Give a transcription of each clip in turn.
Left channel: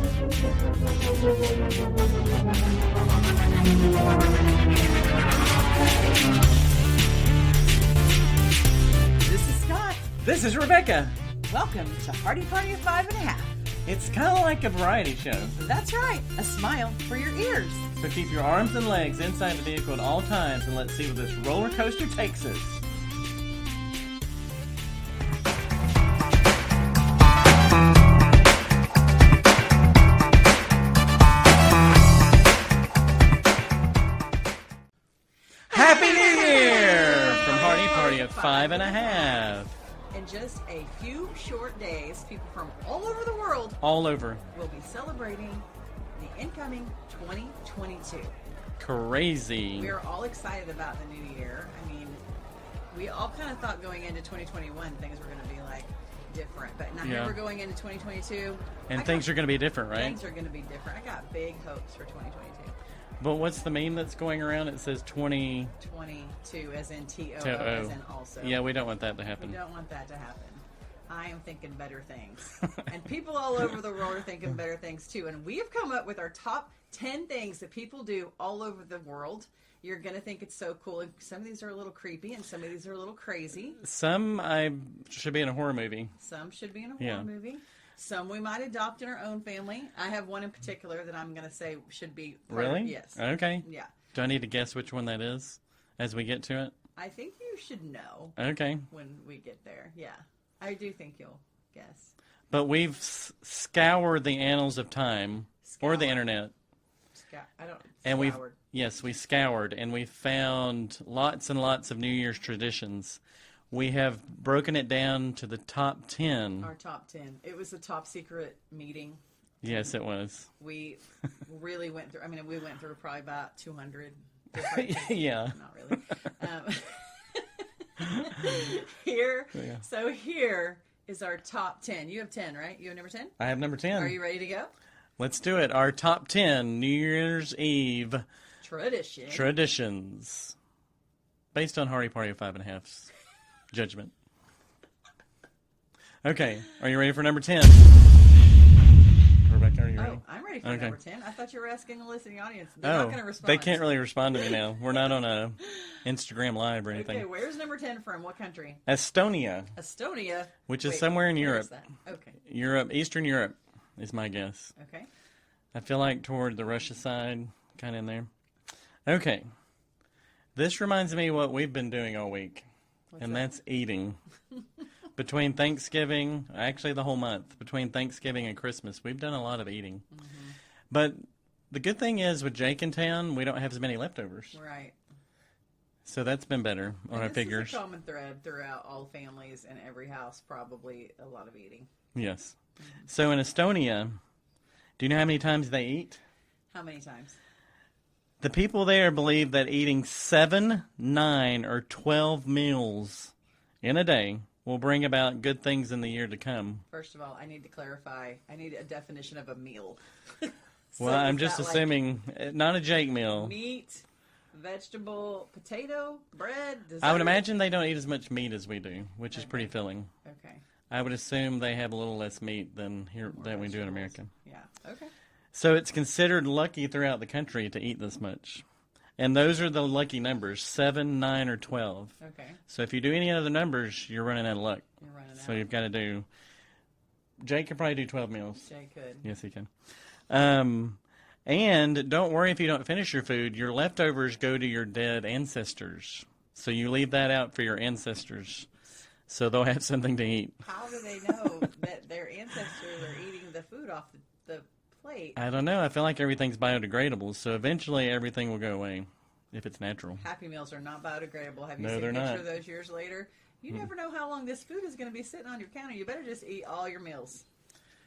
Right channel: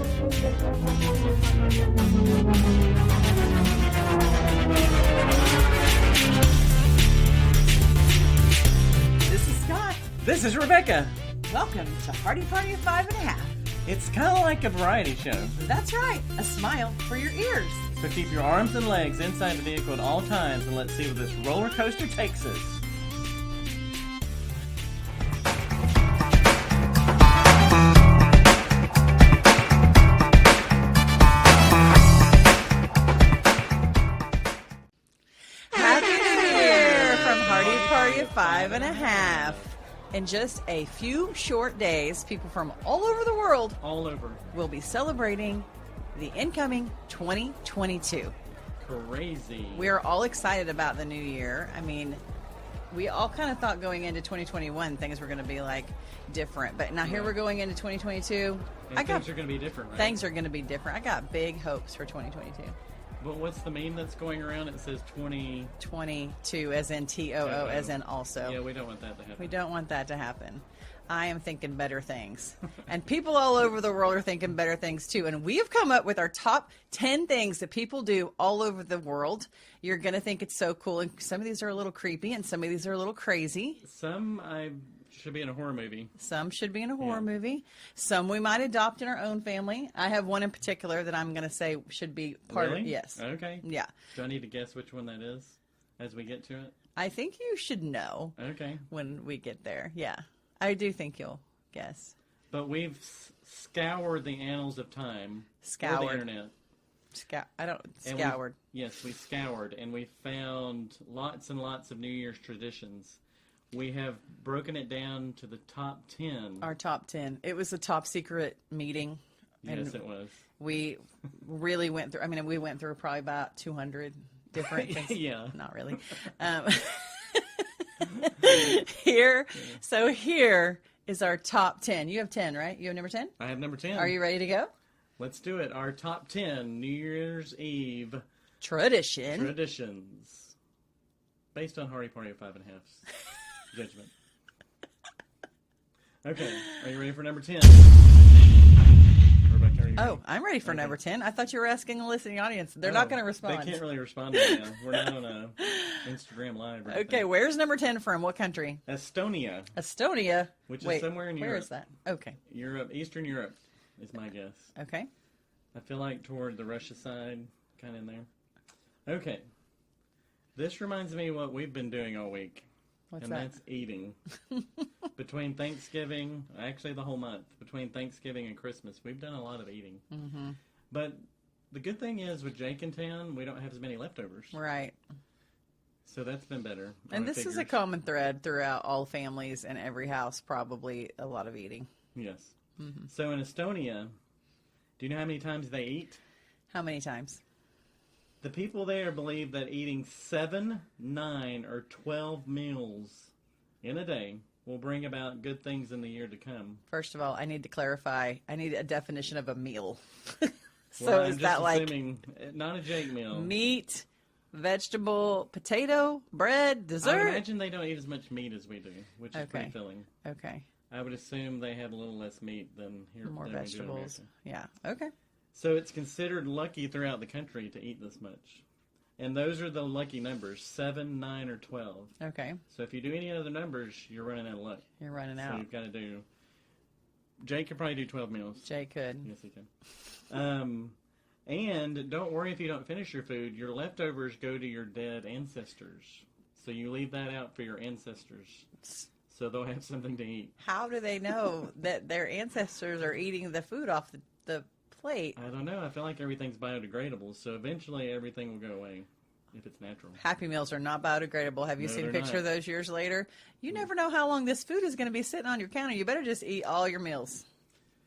This is Scott. This is Rebecca. Welcome to Hardie Party of 5.5. It's kind of like a variety show. That's right, a smile for your ears. So keep your arms and legs inside the vehicle at all times and let's see where this roller coaster takes us. Happy New Year! From Hardie Party of 5.5. In just a few short days, people from all over the world All over. will be celebrating the incoming 2022. Crazy. We are all excited about the new year. I mean, we all kind of thought going into 2021 things were going to be like different, but now here we're going into 2022. And things are going to be different, right? Things are going to be different. I got big hopes for 2022. But what's the meme that's going around? It says 22 as in TOO as in also. Yeah, we don't want that to happen. We don't want that to happen. I am thinking better things. And people all over the world are thinking better things too. And we have come up with our top 10 things that people do all over the world. You're going to think it's so cool. And some of these are a little creepy and some of these are a little crazy. Some should be in a horror movie. Some should be in a horror movie. Some we might adopt in our own family. I have one in particular that I'm going to say should be part Really? of. Yes. Okay. Yeah. Do I need to guess which one that is as we get to it? I think you should know Okay. when we get there. Yeah. I do think you'll guess. But we've scoured the annals of time or the internet. Scoured. Yes, we scoured and we found lots and lots of New Year's traditions. We have broken it down to the top 10. Our top 10. It was a top secret meeting. Yes, it was. We really went through, we went through probably about 200 different things. Yeah. Not really. Here is our top 10. You have 10, right? You have number 10? I have number 10. Are you ready to go? Let's do it. Our top 10 New Year's Eve traditions. Based on Hardie Party of 5.5's judgment. Okay. Are you ready for number 10? Rebecca, are you ready? Oh, I'm ready for number 10. I thought you were asking the listening audience. They're not going to respond. They can't really respond to me now. We're not on a Instagram Live or anything. Okay, where's number 10 from? What country? Estonia. Estonia. Which is somewhere in where Europe. Is that? Okay. Europe, Eastern Europe is my guess. Okay. I feel like toward the Russia side, kind of in there. Okay. This reminds me of what we've been doing all week. That's eating. Between Thanksgiving, actually the whole month, between Thanksgiving and Christmas, we've done a lot of eating. Mm-hmm. But the good thing is with Jake in town, we don't have as many leftovers. Right. So that's been better on our figures. And this is a common thread throughout all families and every house, probably a lot of eating. Yes. Mm-hmm. So in Estonia, do you know how many times they eat? How many times? The people there believe that eating 7, 9, or 12 meals in a day will bring about good things in the year to come. First of all, I need to clarify. I need a definition of a meal. Well, I'm just assuming not a Jake meal. Meat, vegetable, potato, bread, dessert. I would imagine they don't eat as much meat as we do, which is pretty filling. Okay. I would assume they have a little less meat than we do in America. Yeah. Okay. So it's considered lucky throughout the country to eat this much. And those are the lucky numbers, 7, 9, or 12. Okay. So if you do any other numbers, you're running out of luck. You're running out. So you've got to do... Jake could probably do 12 meals. Jake could. Yes, he can. And don't worry if you don't finish your food. Your leftovers go to your dead ancestors. So you leave that out for your ancestors. So they'll have something to eat. How do they know that their ancestors are eating the food off the plate? I don't know. I feel like everything's biodegradable, so eventually everything will go away if it's natural. Happy Meals are not biodegradable. Have you seen a picture of those years later? You never know how long this food is going to be sitting on your counter. You better just eat all your meals.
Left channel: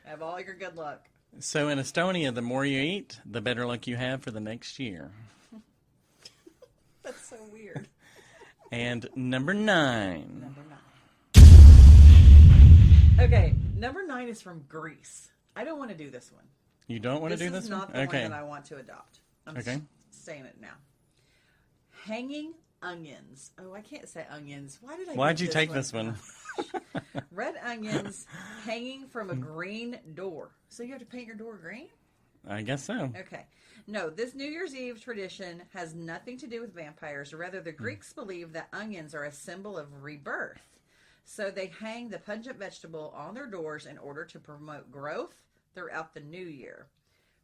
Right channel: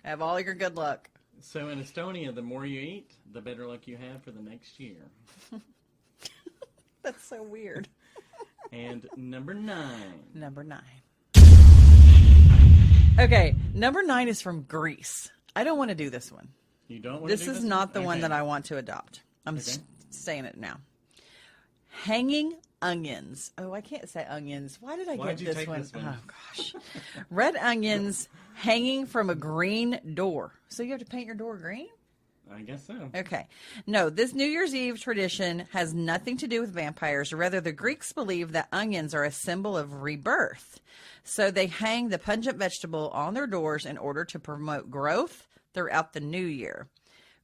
Have all your good luck. So in Estonia, the more you eat, the better luck you have for the next year. That's so weird. And number 9. Number 9. Okay, number 9 is from Greece. I don't want to do this one. You don't want to do this one? This is not the one that I want to adopt. I'm saying it now. Hanging onions. Oh, I can't say onions. Why'd you get take this one? Oh, gosh. Red onions hanging from a green door. So you have to paint your door green? I guess so. Okay. No, this New Year's Eve tradition has nothing to do with vampires. Rather, the Greeks believe that onions are a symbol of rebirth. So they hang the pungent vegetable on their doors in order to promote growth throughout the new year.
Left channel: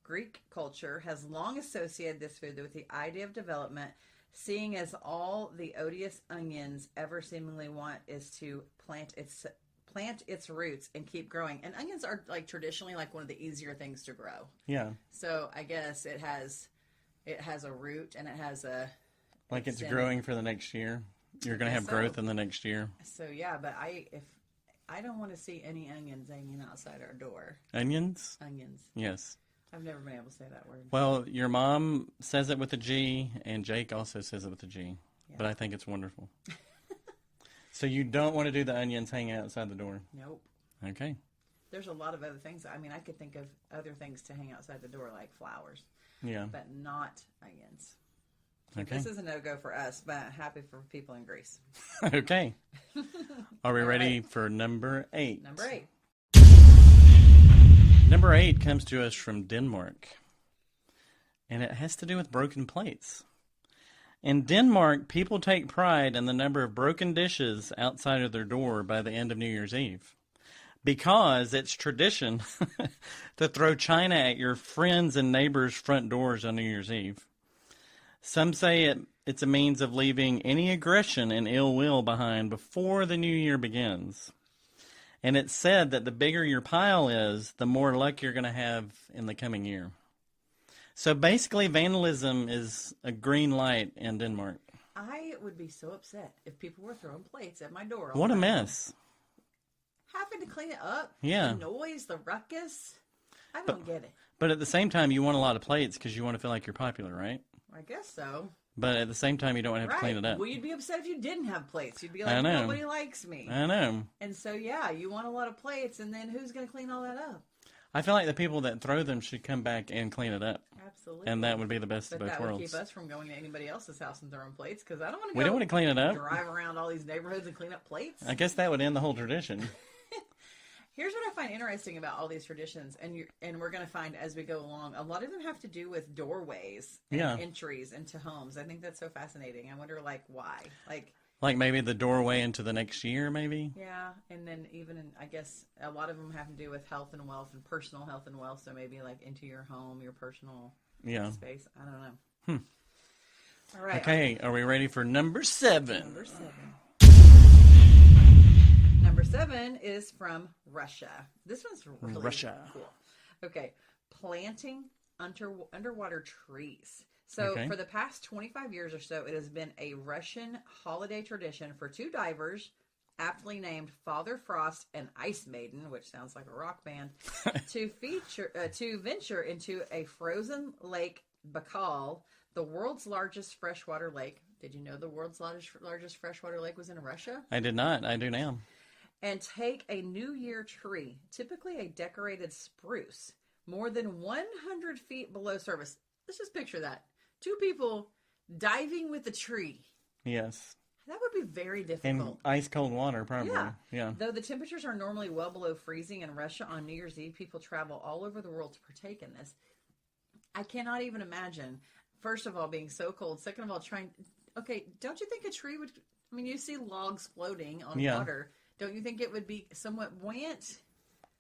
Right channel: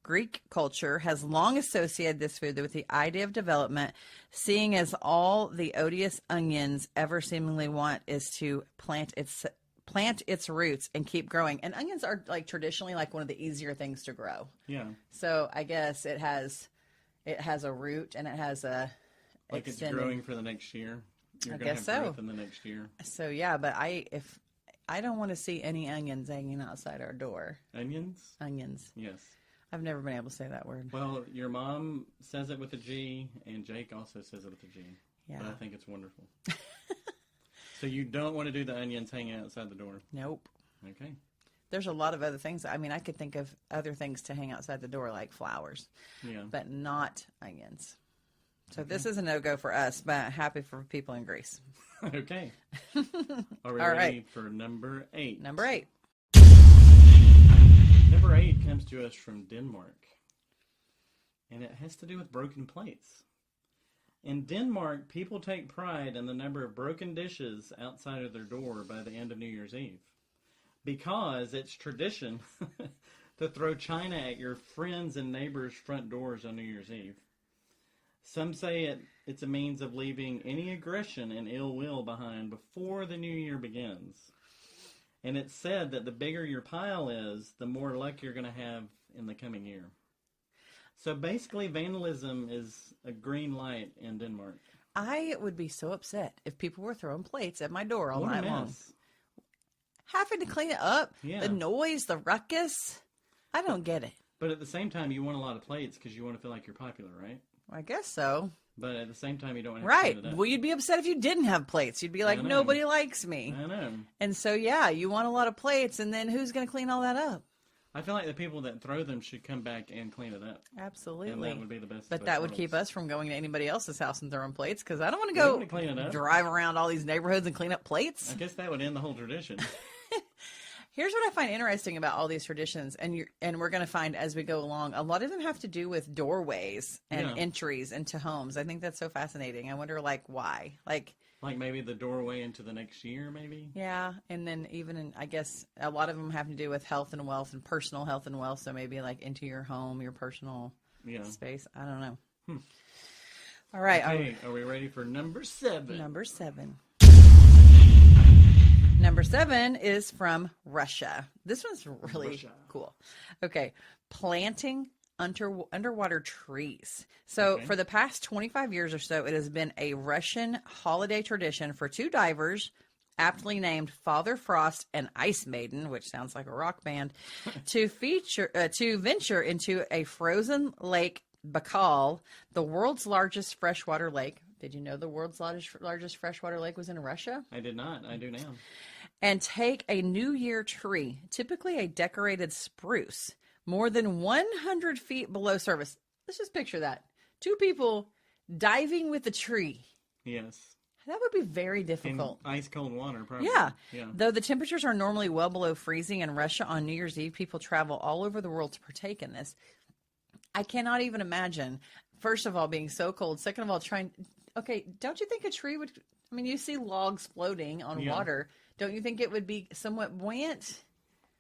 Greek culture has long associated this food with the idea of development, seeing as all the odious onions ever seemingly want is to plant its roots and keep growing. And onions are like traditionally like one of the easier things to grow. Yeah. So I guess it has a root and it has a like extended... it's growing for the next year. You're going to have growth in the next year. So yeah, but if I don't want to see any onions hanging outside our door. Onions? Onions. Yes. I've never been able to say that word. Well, your mom says it with a G, and Jake also says it with a G. Yeah. But I think it's wonderful. So you don't want to do the onions hanging outside the door? Nope. Okay. There's a lot of other things. I mean, I could think of other things to hang outside the door, like flowers. Yeah. But not onions. So this is a no-go for us, but happy for people in Greece. Okay. Are we ready for number 8? Number 8. Number 8 comes to us from Denmark, and it has to do with broken plates. In Denmark, people take pride in the number of broken dishes outside of their door by the end of New Year's Eve, because it's tradition to throw china at your friends' and neighbors' front doors on New Year's Eve. Some say it's a means of leaving any aggression and ill will behind before the new year begins. And it's said that the bigger your pile is, the more luck you're going to have in the coming year. So basically, vandalism is a green light in Denmark. I would be so upset if people were throwing plates at my door all What a night mess. long. Having to clean it up, the noise, the ruckus. I don't get it. But at the same time, you want a lot of plates because you want to feel like you're popular, right? I guess so. But at the same time, you don't want to have to clean it up. Well, you'd be upset if you didn't have plates. You'd be like, nobody likes me. I know. And so, yeah, you want a lot of plates, and then who's going to clean all that up? I feel like the people that throw them should come back and clean it up. Absolutely. And that would be the best of both But that would keep us from going to anybody else's house and throwing plates, because I don't want to go clean it up. Drive around all these neighborhoods and clean up plates. I guess that would end the whole tradition. Here's what I find interesting about all these traditions, and we're going to find as we go along, a lot of them have to do with doorways and entries into homes. I think that's so fascinating. I wonder, why? Like maybe the doorway into the next year, maybe? Yeah, and then I guess a lot of them have to do with health and wealth and personal health and wealth, so maybe into your home, your personal space. I don't know. All right. Okay, are we ready for number 7? Number 7. Number 7 is from Russia. This one's really cool. Okay. Planting underwater trees. So for the past 25 years or so, it has been a Russian holiday tradition for 2 divers, aptly named Father Frost and Ice Maiden, which sounds like a rock band, to venture into a frozen lake, Baikal, the world's largest freshwater lake. Did you know the world's largest freshwater lake was in Russia? I did not. I do now. And take a New Year tree, typically a decorated spruce, more than 100 feet below surface. Let's just picture that. 2 people diving with a tree. Yes. That would be very difficult. In ice cold water, probably. Yeah. Though the temperatures are normally well below freezing in Russia on New Year's Eve, people travel all over the world to partake in this. I cannot even imagine, first of all, being so cold. Second of all, don't you think a tree would, you see logs floating on water. Don't you think it would be somewhat buoyant?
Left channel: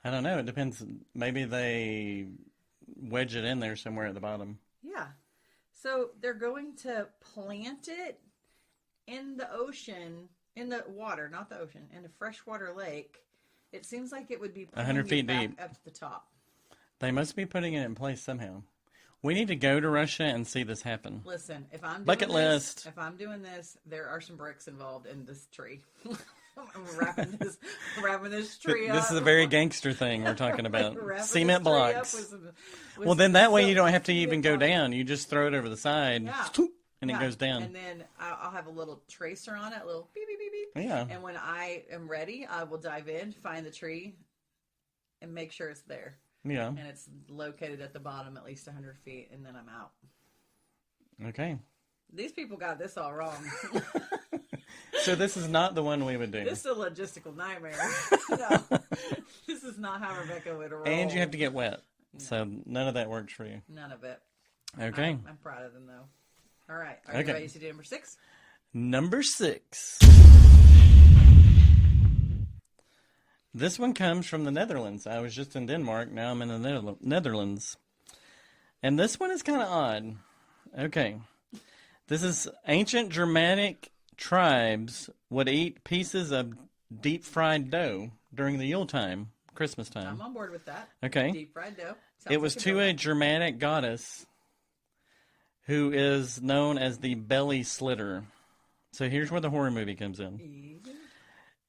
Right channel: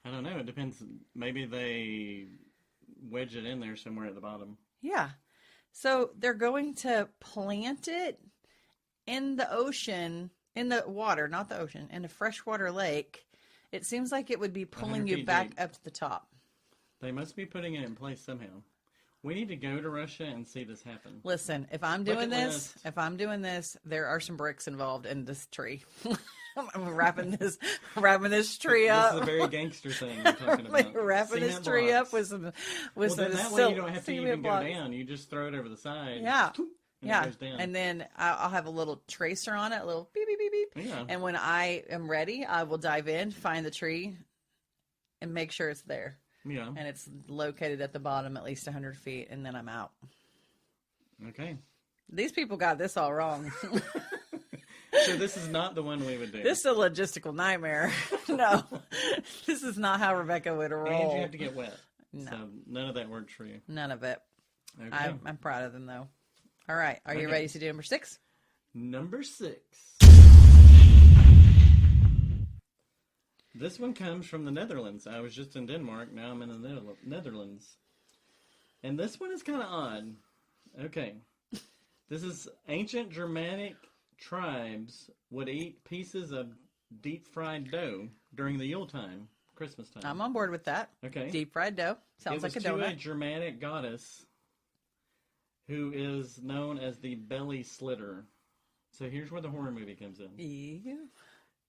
I don't know. It depends. Maybe they wedge it in there somewhere at the bottom. Yeah. So they're going to plant it in the ocean, in the water, not the ocean, in a freshwater lake. It seems like it would be pulling you back up to the top. They must be putting it in place somehow. We need to go to Russia and see this happen. Listen, if I'm doing this, there are some bricks involved in this tree. I'm wrapping this tree up. This is a very gangster thing we're talking about. Cement blocks. Well, then that way you don't have to even go down. You just throw it over the side. Yeah. And it goes down. And then I'll have a little tracer on it, a little beep, beep, beep, beep. Yeah. And when I am ready, I will dive in, find the tree, and make sure it's there. Yeah. And it's located at the bottom at least 100 feet, and then I'm out. Okay. These people got this all wrong. So this is not the one we would do. This is a logistical nightmare. No, this is not how Rebecca would roll. And you have to get wet. No. So none of that works for you. None of it. Okay. I'm proud of them, though. All right. Are you ready to do number 6? Number 6. This one comes from the Netherlands. I was just in Denmark. Now I'm in the Netherlands. And this one is kind of odd. Okay. This is ancient Germanic tribes would eat pieces of deep-fried dough during the Yuletime, Christmas time. I'm on board with that. Okay. Deep-fried dough. Sounds It was like to donut. a Germanic goddess who is known as the belly slitter. So here's where the horror movie comes in. Yeah.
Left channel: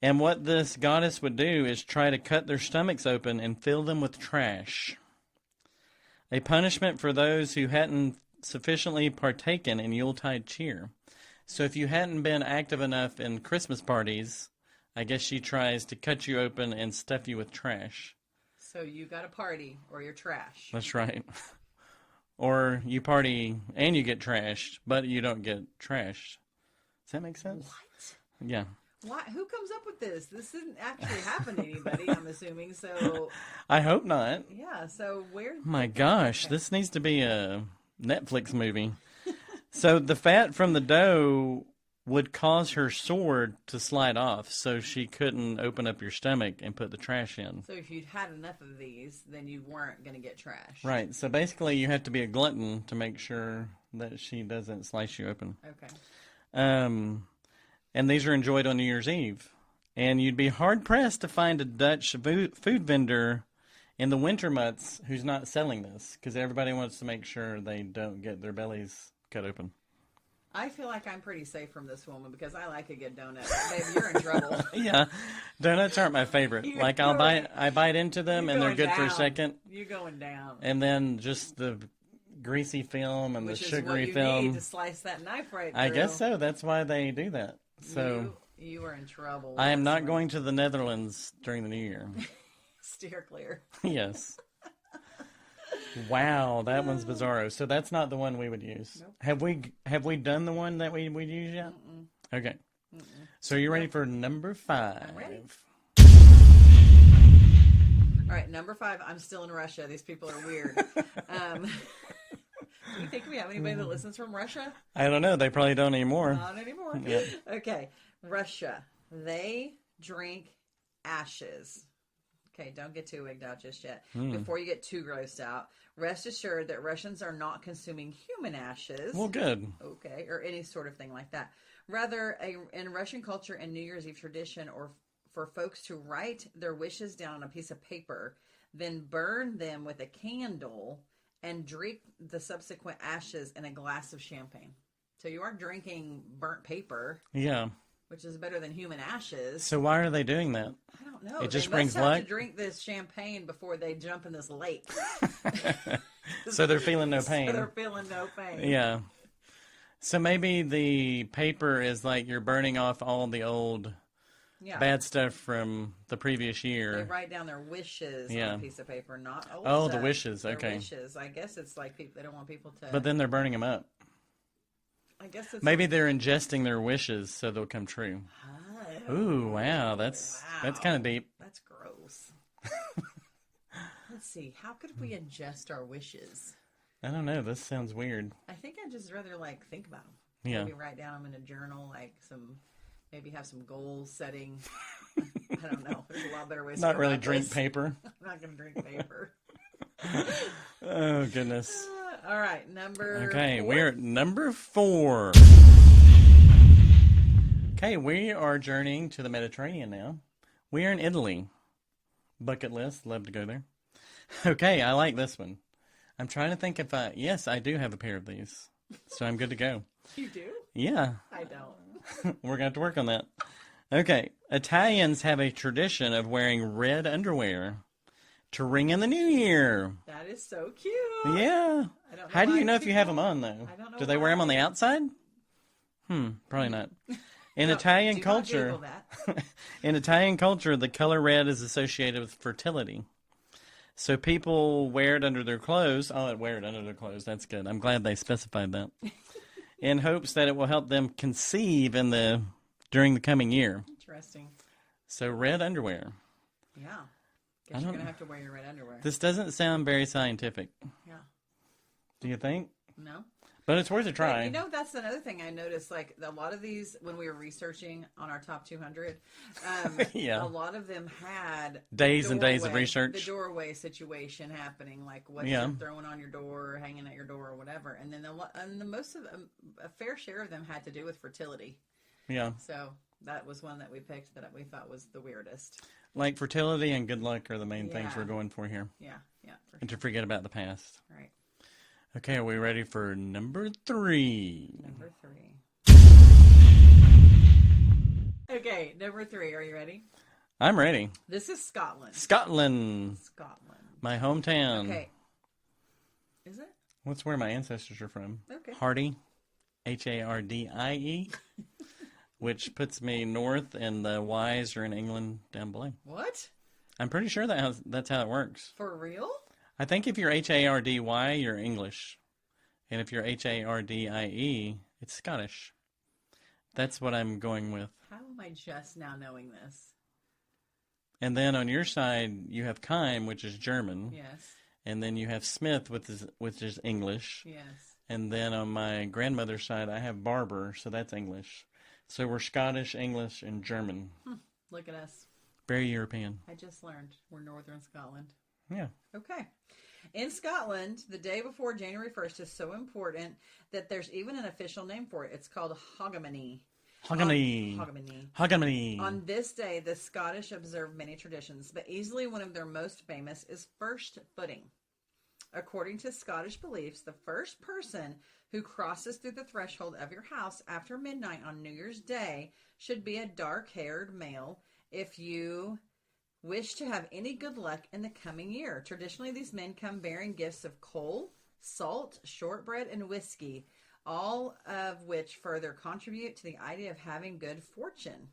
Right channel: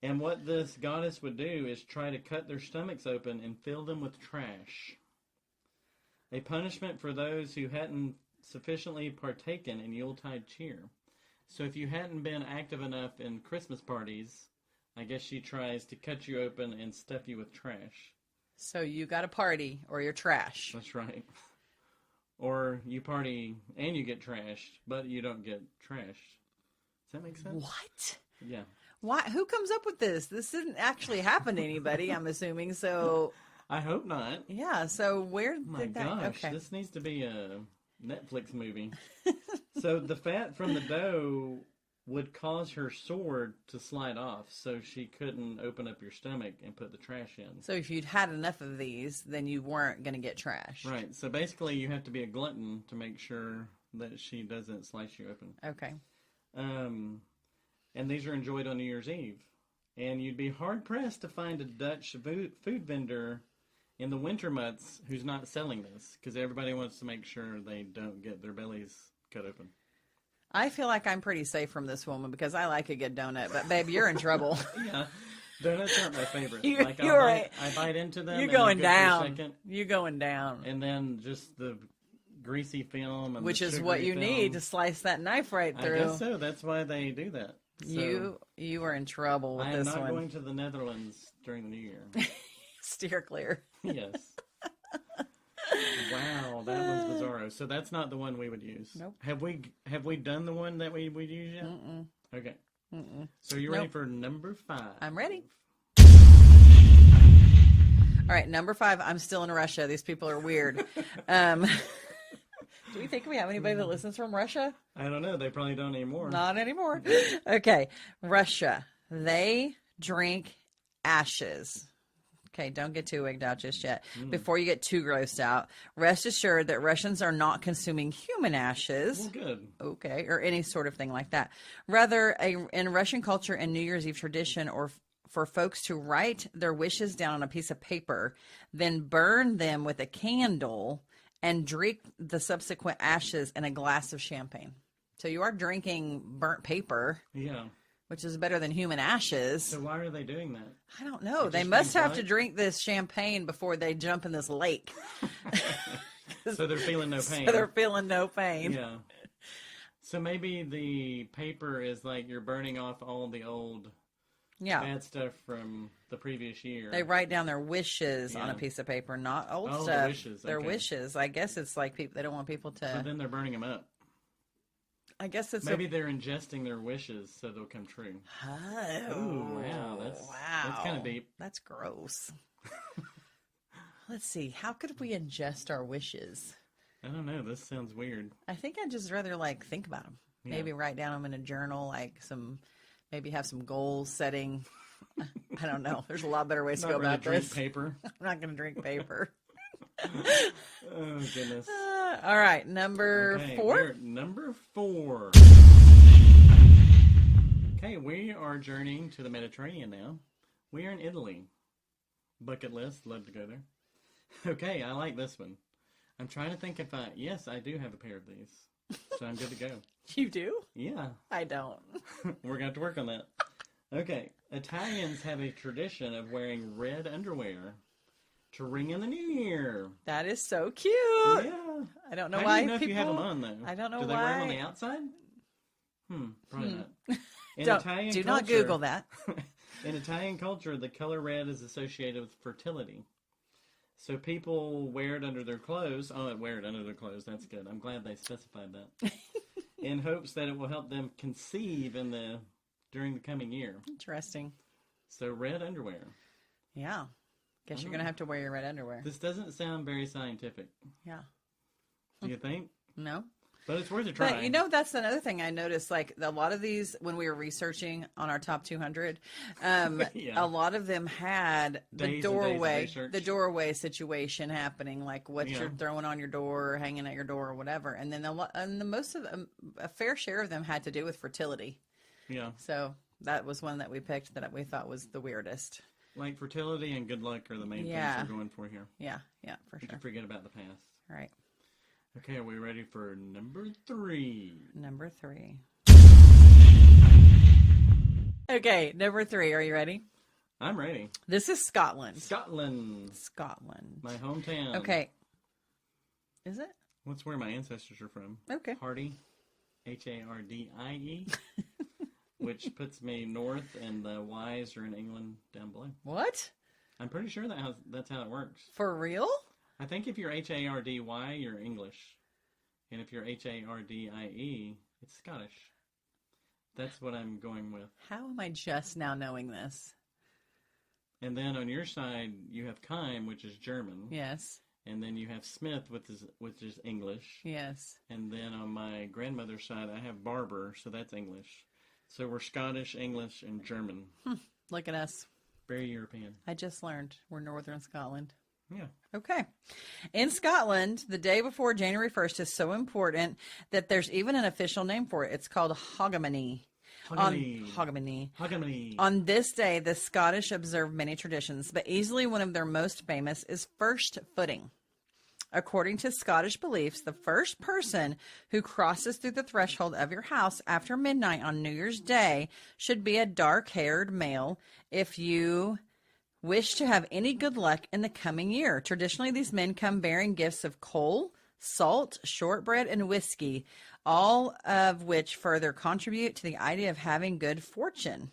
And what this goddess would do is try to cut their stomachs open and fill them with trash. A punishment for those who hadn't sufficiently partaken in Yuletide cheer. So if you hadn't been active enough in Christmas parties, I guess she tries to cut you open and stuff you with trash. So you got a party or you're trash. That's right. Or you party and you get trashed, but you don't get trashed. Does that make sense? What? Yeah. Why? Who comes up with this? This didn't actually happen to anybody, I'm assuming. So, I hope not. yeah. So where? My gosh, this needs to be a Netflix movie. So the fat from the dough would cause her sword to slide off, so she couldn't open up your stomach and put the trash in. So if you'd had enough of these, then you weren't going to get trash. Right. So basically, you have to be a glutton to make sure that she doesn't slice you open. Okay. And these are enjoyed on New Year's Eve. And you'd be hard-pressed to find a Dutch food vendor in the winter months who's not selling this, because everybody wants to make sure they don't get their bellies cut open. I feel like I'm pretty safe from this woman because I like a good donut. But, babe, you're in trouble. Yeah, donuts aren't my favorite. I bite into them and they're good for a second. You're going down. And then just the greasy film and Which the is sugary what you film. need to slice that knife right through. I guess so. That's why they do that. So You are in trouble. I am not going to the Netherlands during the New Year. Steer clear. Yes. Wow, that one's bizarro. So that's not the one we would use. Nope. Have we done the one that we would use yet? Mm-mm. Okay. So you're ready for number 5? I'm ready. All right, number 5. I'm still in Russia. These people are weird. Do you think we have anybody that listens from Russia? I don't know. They probably don't anymore. Not anymore. Okay, Russia. They drink ashes. Okay, don't get too wigged out just yet. Before you get too grossed out, rest assured that Russians are not consuming human ashes. Well, good. Okay, or any sort of thing like that. Rather, in Russian culture and New Year's Eve tradition, or for folks to write their wishes down on a piece of paper, then burn them with a candle and drink the subsequent ashes in a glass of champagne. So you are drinking burnt paper. Yeah. Which is better than human ashes. So why are they doing that? I don't know. It They just must brings have luck? to drink this champagne before they jump in this lake. So they're feeling no pain. So they're feeling no pain. Yeah. So maybe the paper is like you're burning off all the old bad stuff from the previous year. They write down their wishes on a piece of paper, not old Oh, stuff. the wishes. Their Okay. wishes. I guess it's like they don't want people to. But then they're burning them up. I guess it's Maybe they're ingesting their wishes so they'll come true. Oh, Ooh, wow. That's kind of deep. That's gross. Let's see. How could we ingest our wishes? I don't know. This sounds weird. I think I'd just rather think about them. Yeah. Maybe write down them in a journal, maybe have some goal setting. I don't know. There's a lot better ways to Not go really about drink this. paper. I'm not going to drink paper. Oh, goodness. All right, number 4. We're at number 4. Okay, we are journeying to the Mediterranean now. We are in Italy. Bucket list, love to go there. Okay, I like this one. I'm trying to think if yes, I do have a pair of these. So I'm good to go. You do? Yeah. I don't. We're going to have to work on that. Okay, Italians have a tradition of wearing red underwear to ring in the new year. That is so cute. Yeah. I don't know How do why you know if you have people- them on, though? I don't know Do they wear them on the why. outside? Probably not. In Don't- Italian do culture, not Google that. in Italian culture, the color red is associated with fertility. So people wear it under their clothes. Oh, wear it under their clothes. That's good. I'm glad they specified that. in hopes that it will help them conceive during the coming year. Interesting. So red underwear. Yeah. Guess you're going to have to wear your red underwear. This doesn't sound very scientific. Yeah. Do you think? No. But it's worth a try. But, you know, that's another thing I noticed. Like, a lot of these, when we were researching on our top 200, Yeah. a lot of them had days and days of research. The doorway situation happening, like what you're throwing on your door, or hanging at your door, or whatever. And then most of them, a fair share of them had to do with fertility. Yeah. So that was one that we picked that we thought was the weirdest. Like fertility and good luck are the main things we're going for here. Yeah, for sure. And to forget about the past. Right. Okay, are we ready for number 3? Number 3. Okay, number 3. Are you ready? I'm ready. This is Scotland. Scotland. My hometown. Okay. Is it? That's where my ancestors are from. Okay. Hardie. Hardie. Which puts me north, and the Y's are in England down below. What? I'm pretty sure that's how it works. For real? I think if you're Hardy, you're English. And if you're Hardie, it's Scottish. That's what I'm going with. How am I just now knowing this? And then on your side, you have Keim, which is German. Yes. And then you have Smith, which is English. Yes. And then on my grandmother's side, I have Barber, so that's English. So we're Scottish, English, and German. Look at us. Very European. I just learned we're northern Scotland. Yeah. Okay. In Scotland, the day before January 1st is so important that there's even an official name for it. It's called Hogmanay. Hogmanay. On this day, the Scottish observe many traditions, but easily one of their most famous is first footing. According to Scottish beliefs, the first person who crosses through the threshold of your house after midnight on New Year's Day should be a dark-haired male if you wish to have any good luck in the coming year. Traditionally, these men come bearing gifts of coal, salt, shortbread, and whiskey, all of which further contribute to the idea of having good fortune.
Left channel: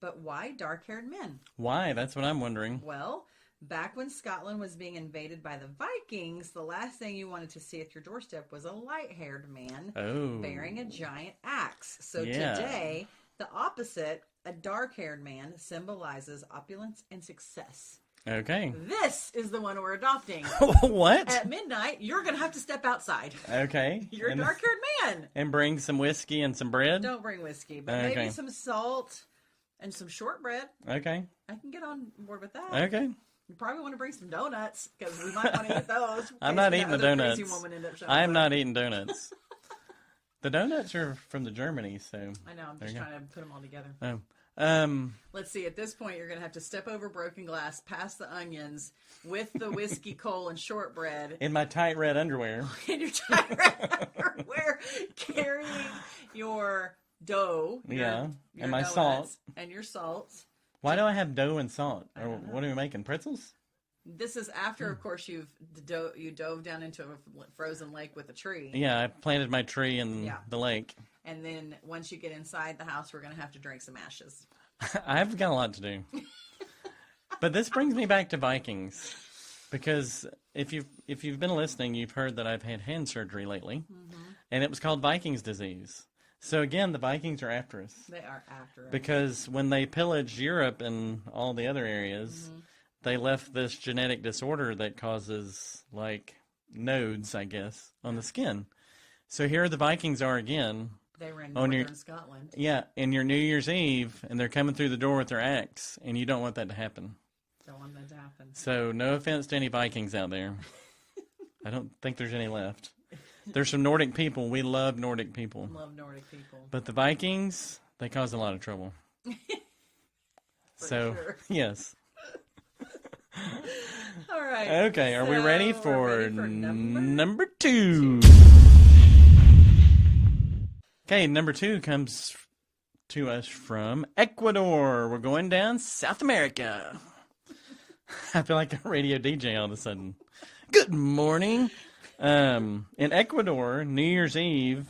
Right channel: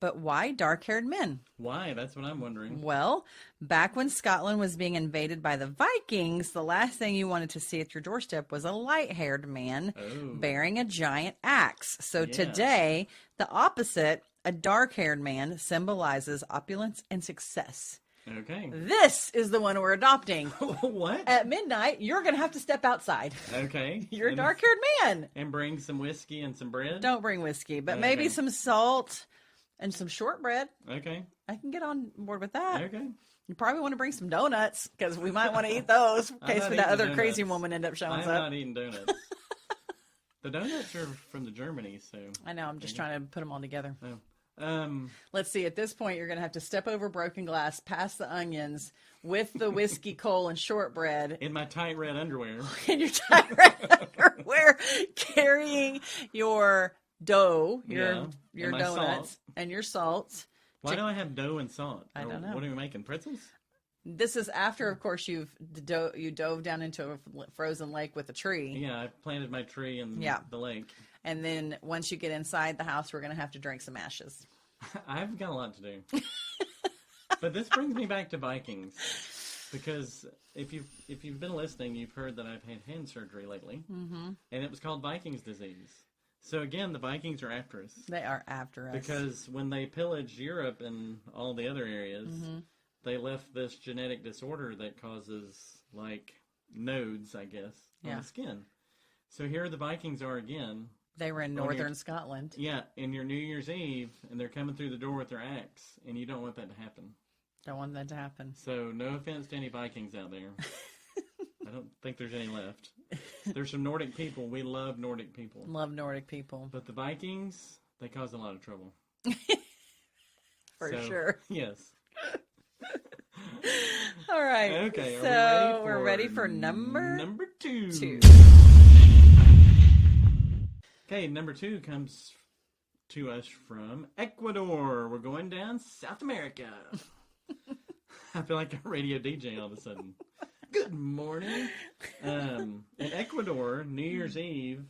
But why dark-haired men? Why? That's what I'm wondering. Well, back when Scotland was being invaded by the Vikings, the last thing you wanted to see at your doorstep was a light-haired man bearing a giant axe. So today, the opposite, a dark-haired man, symbolizes opulence and success. Okay. This is the one we're adopting. What? At midnight, you're going to have to step outside. Okay. You're a dark-haired man. And bring some whiskey and some bread? Don't bring whiskey, but maybe some salt and some shortbread. Okay. I can get on board with that. Okay. You probably want to bring some donuts because we might want to eat those. I'm not eating the donuts. Crazy woman end up showing I'm not eating donuts. The donuts are from the Germany, so. I know. I'm just trying to put them all together. Oh. Let's see. At this point, you're going to have to step over broken glass, past the onions, with the whiskey, coal, and shortbread. In my tight red underwear. In your tight red underwear, carrying your dough, your donuts, salt. And your salt. Why do I have dough and salt? I don't know. What are we making? Pretzels? This is after, of course, you dove down into a frozen lake with a tree. Yeah, I planted my tree in the lake. And then once you get inside the house, we're going to have to drink some ashes. I've got a lot to do. But this brings me back to Vikings. Because if you've been listening, you've heard that I've had hand surgery lately. Mm-hmm. And it was called Vikings Disease. So again, the Vikings are after us. They are after us. Because when they pillaged Europe and all the other areas, they left this genetic disorder that causes, like, nodes, I guess, on the skin. So here the Vikings are again. They were in northern Scotland. Yeah, in your New Year's Eve, and they're coming through the door with their axe, and you don't want that to happen. Don't want that to happen. So no offense to any Vikings out there. I don't think there's any left. There's some Nordic people. We love Nordic people. Love Nordic people. But the Vikings, they cause a lot of trouble. For sure. Yes. All right. Okay, are we ready for, we're ready for number 2? Okay, number 2 comes to us from Ecuador. We're going down South America. I feel like a radio DJ all of a sudden. Good morning. In Ecuador, New Year's Eve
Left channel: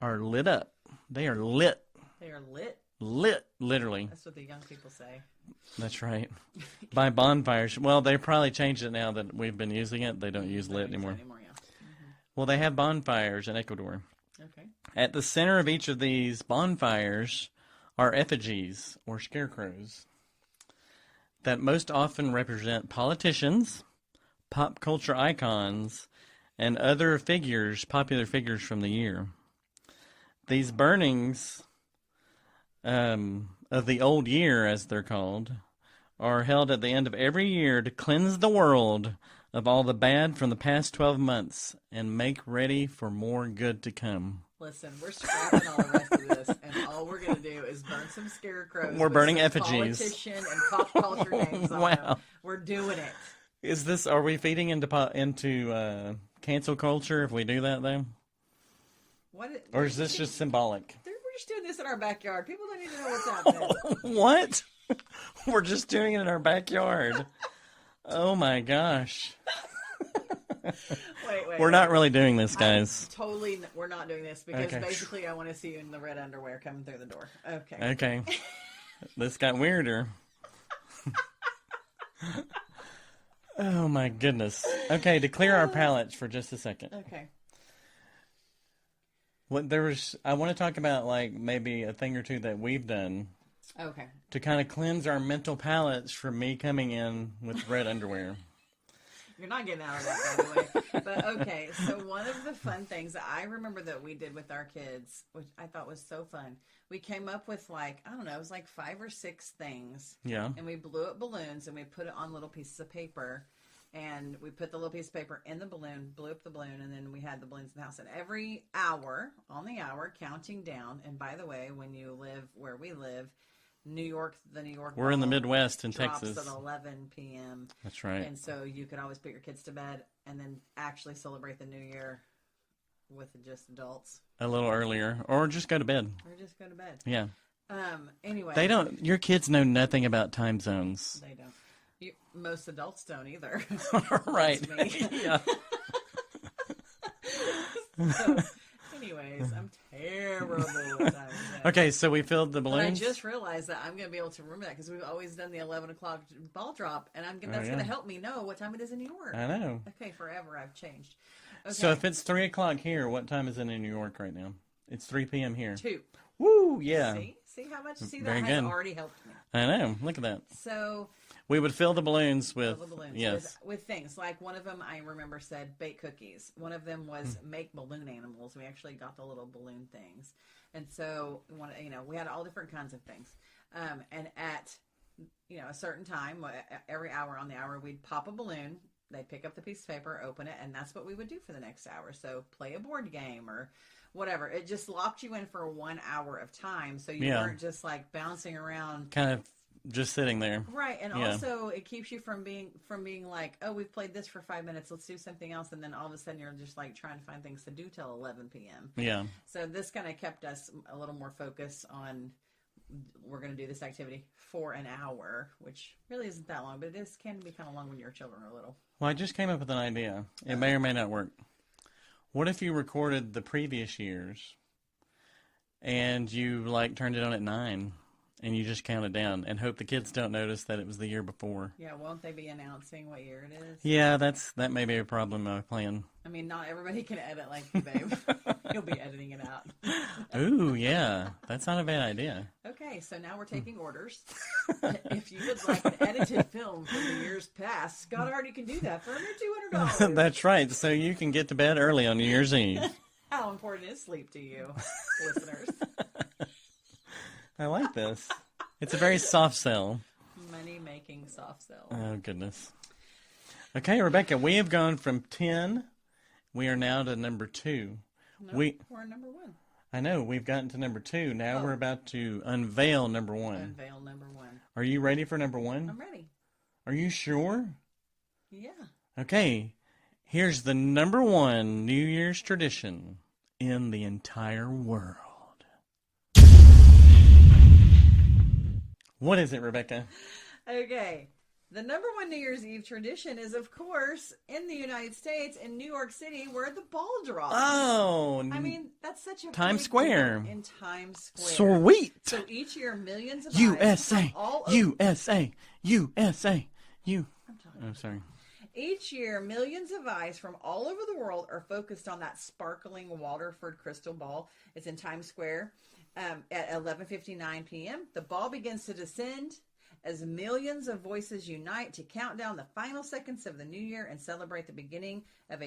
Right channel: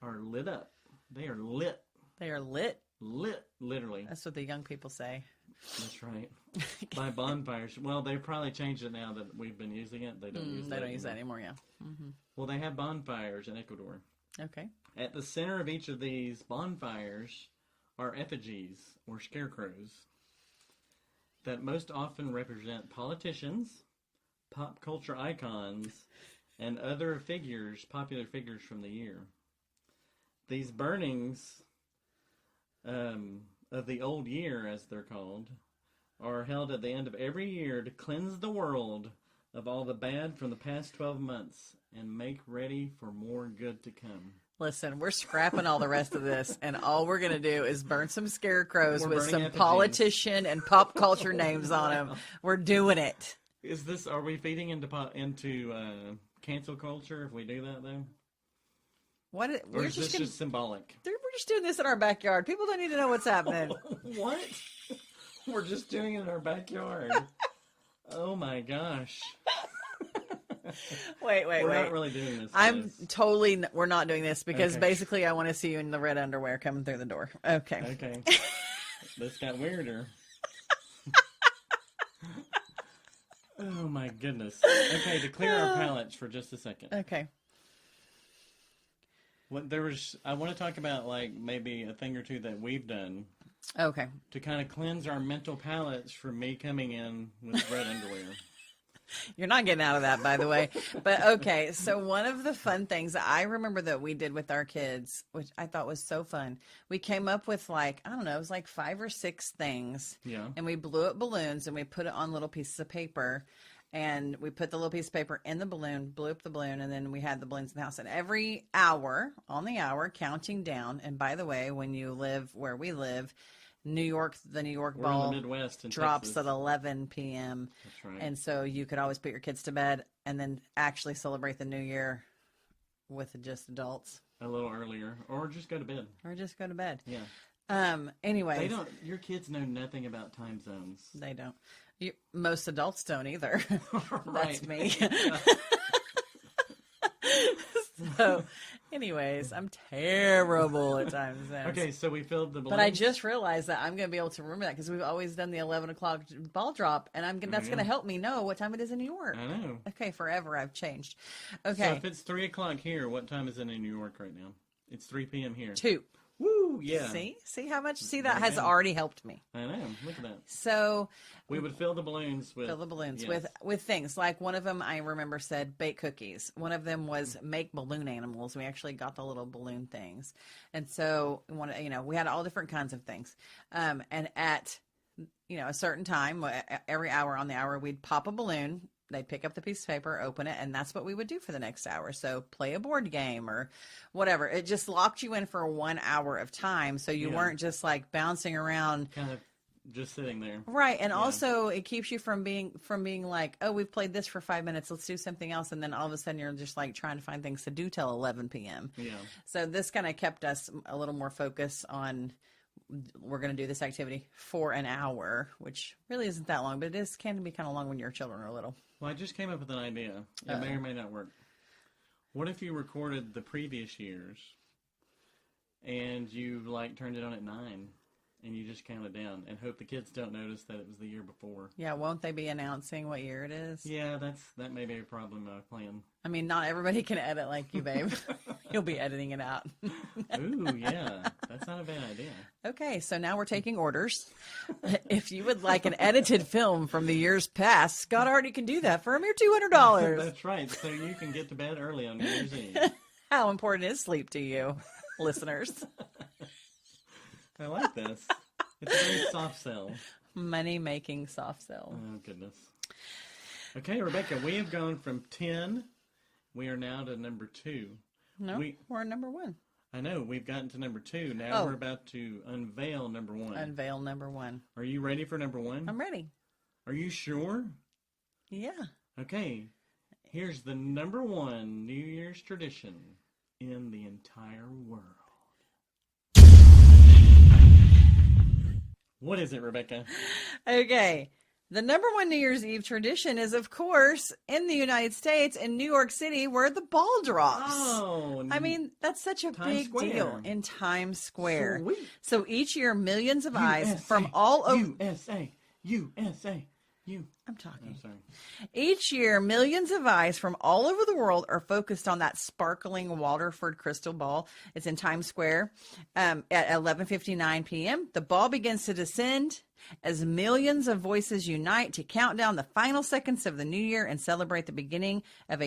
are lit up. They are lit. They are lit? Lit, literally. That's what the young people say. That's right. By bonfires. Well, they probably changed it now that we've been using it. They don't use lit anymore. Use that anymore, yeah. Mm-hmm. Well, they have bonfires in Ecuador. Okay. At the center of each of these bonfires are effigies, or scarecrows, that most often represent politicians, pop culture icons, and other figures, popular figures from the year. These burnings of the old year, as they're called, are held at the end of every year to cleanse the world of all the bad from the past 12 months and make ready for more good to come. Listen, we're scrapping all the rest of this, and all we're going to do is burn some scarecrows We're with burning some effigies. Politician and pop culture names on them. Wow. We're doing it. Are we feeding into cancel culture if we do that, though? Or is this just symbolic? We're just doing this in our backyard. People don't need to know what's happening. What? We're just doing it in our backyard. Oh my gosh. Wait. We're not really doing this, guys. We're not doing this because Okay. basically I want to see you in the red underwear coming through the door. Okay. Okay. This got weirder. Oh my goodness. Okay, to clear our palates for just a second. Okay. I want to talk about like maybe a thing or two that we've done Okay. to kind of cleanse our mental palates from me coming in with red underwear. You're not getting out of that, by the way. But okay, so one of the fun things that I remember that we did with our kids, which I thought was so fun, we came up with like, I don't know, it was like 5 or 6 things. Yeah. And we blew up balloons and we put it on little pieces of paper. And we put the little piece of paper in the balloon, blew up the balloon, and then we had the balloons in the house. And every hour, on the hour, counting down. And by the way, when you live where we live, the New York We're in the ball Midwest in drops Texas. at 11 p.m. That's right. And so you could always put your kids to bed and then actually celebrate the new year with just adults. A little earlier. Or just go to bed. Or just go to bed. Yeah. Anyway. Your kids know nothing about time zones. They don't. Most adults don't either. Right. That's me. So, anyways, I'm terrible at time zones. Okay, so we filled the balloons. But I just realized that I'm going to be able to remember that because we've always done the 11 o'clock ball drop, and that's going to help me know what time it is in New York. I know. Okay, forever I've changed. Okay. So if it's 3 o'clock here, what time is it in New York right now? It's 3 p.m. here. 2. Woo, yeah. See how much? See, Very that has good. already helped me. I know. Look at that. So We would fill the balloons with... Yes. with things like one of them I remember said bake cookies. One of them was make balloon animals. We actually got the little balloon things, and so we had all different kinds of things. And at a certain time, every hour on the hour, we'd pop a balloon. They'd pick up the piece of paper, open it, and that's what we would do for the next hour. So play a board game or whatever. It just locked you in for 1 hour of time, so you weren't just like bouncing around. Kind of just sitting there. Right, and also it keeps you from being like, oh, we've played this for 5 minutes, let's do something else, and then all of a sudden you're just like trying to find things to do till 11 p.m. Yeah. So this kind of kept us a little more focused on we're going to do this activity for an hour, which really isn't that long, but it can be kind of long when your children are little. Well, I just came up with an idea. It may or may not work. What if you recorded the previous years and you turned it on at 9 and you just counted down and hope the kids don't notice that it was the year before? Yeah, won't they be announcing what year it is? Yeah, that may be a problem of playing. I mean, not everybody can edit like you, babe. You'll be editing it out. Ooh, yeah. That's not a bad idea. Okay, so now we're taking orders. If you would like an edited film from the years past, Scott Hardie can do that for a mere $200. That's right. So you can get to bed early on New Year's Eve. How important is sleep to you, listeners? I like this. It's a very soft sell. Money-making soft sell. Oh, goodness. Okay, Rebecca, we have gone from 10. We are now to number 2. No, we're on number 1. I know. We've gotten to number 2. Now we're about to unveil number 1. Unveil number 1. Are you ready for number 1? I'm ready. Are you sure? Yeah. Okay. Here's the number 1 New Year's tradition in the entire world. What is it, Rebecca? Okay. The number 1 New Year's Eve tradition is, of course, in the United States, in New York City, where the ball drops. Oh. I mean, that's such a Times big Square. deal in Times Square. Sweet. So each year, millions of eyes from all over. USA. I'm talking. I'm sorry. Each year, millions of eyes from all over the world are focused on that sparkling Waterford crystal ball. It's in Times Square at 11:59 p.m. The ball begins to descend as millions of voices unite to count down the final seconds of the new year and celebrate the beginning of a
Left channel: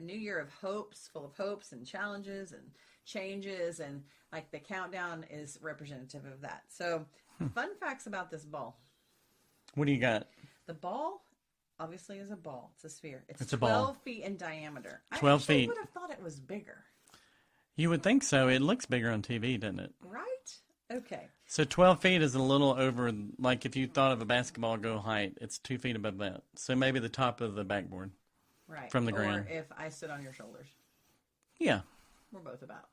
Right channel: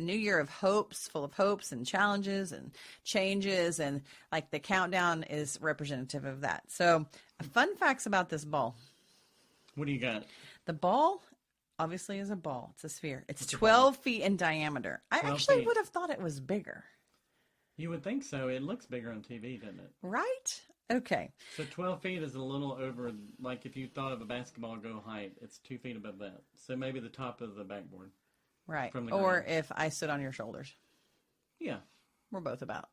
new year of hopes, full of hopes and challenges and changes. And like the countdown is representative of that. So fun facts about this ball. What do you got? The ball obviously is a ball. It's a sphere. It's It's a 12 ball. feet in diameter. 12 I actually feet. would have thought it was bigger. You would think so. It looks bigger on TV, doesn't it? Right? Okay. So 12 feet is a little over, like if you thought of a basketball goal height, it's 2 feet above that. So maybe the top of the backboard. Right. From the or ground. if I stood on your shoulders. Yeah. We're both about.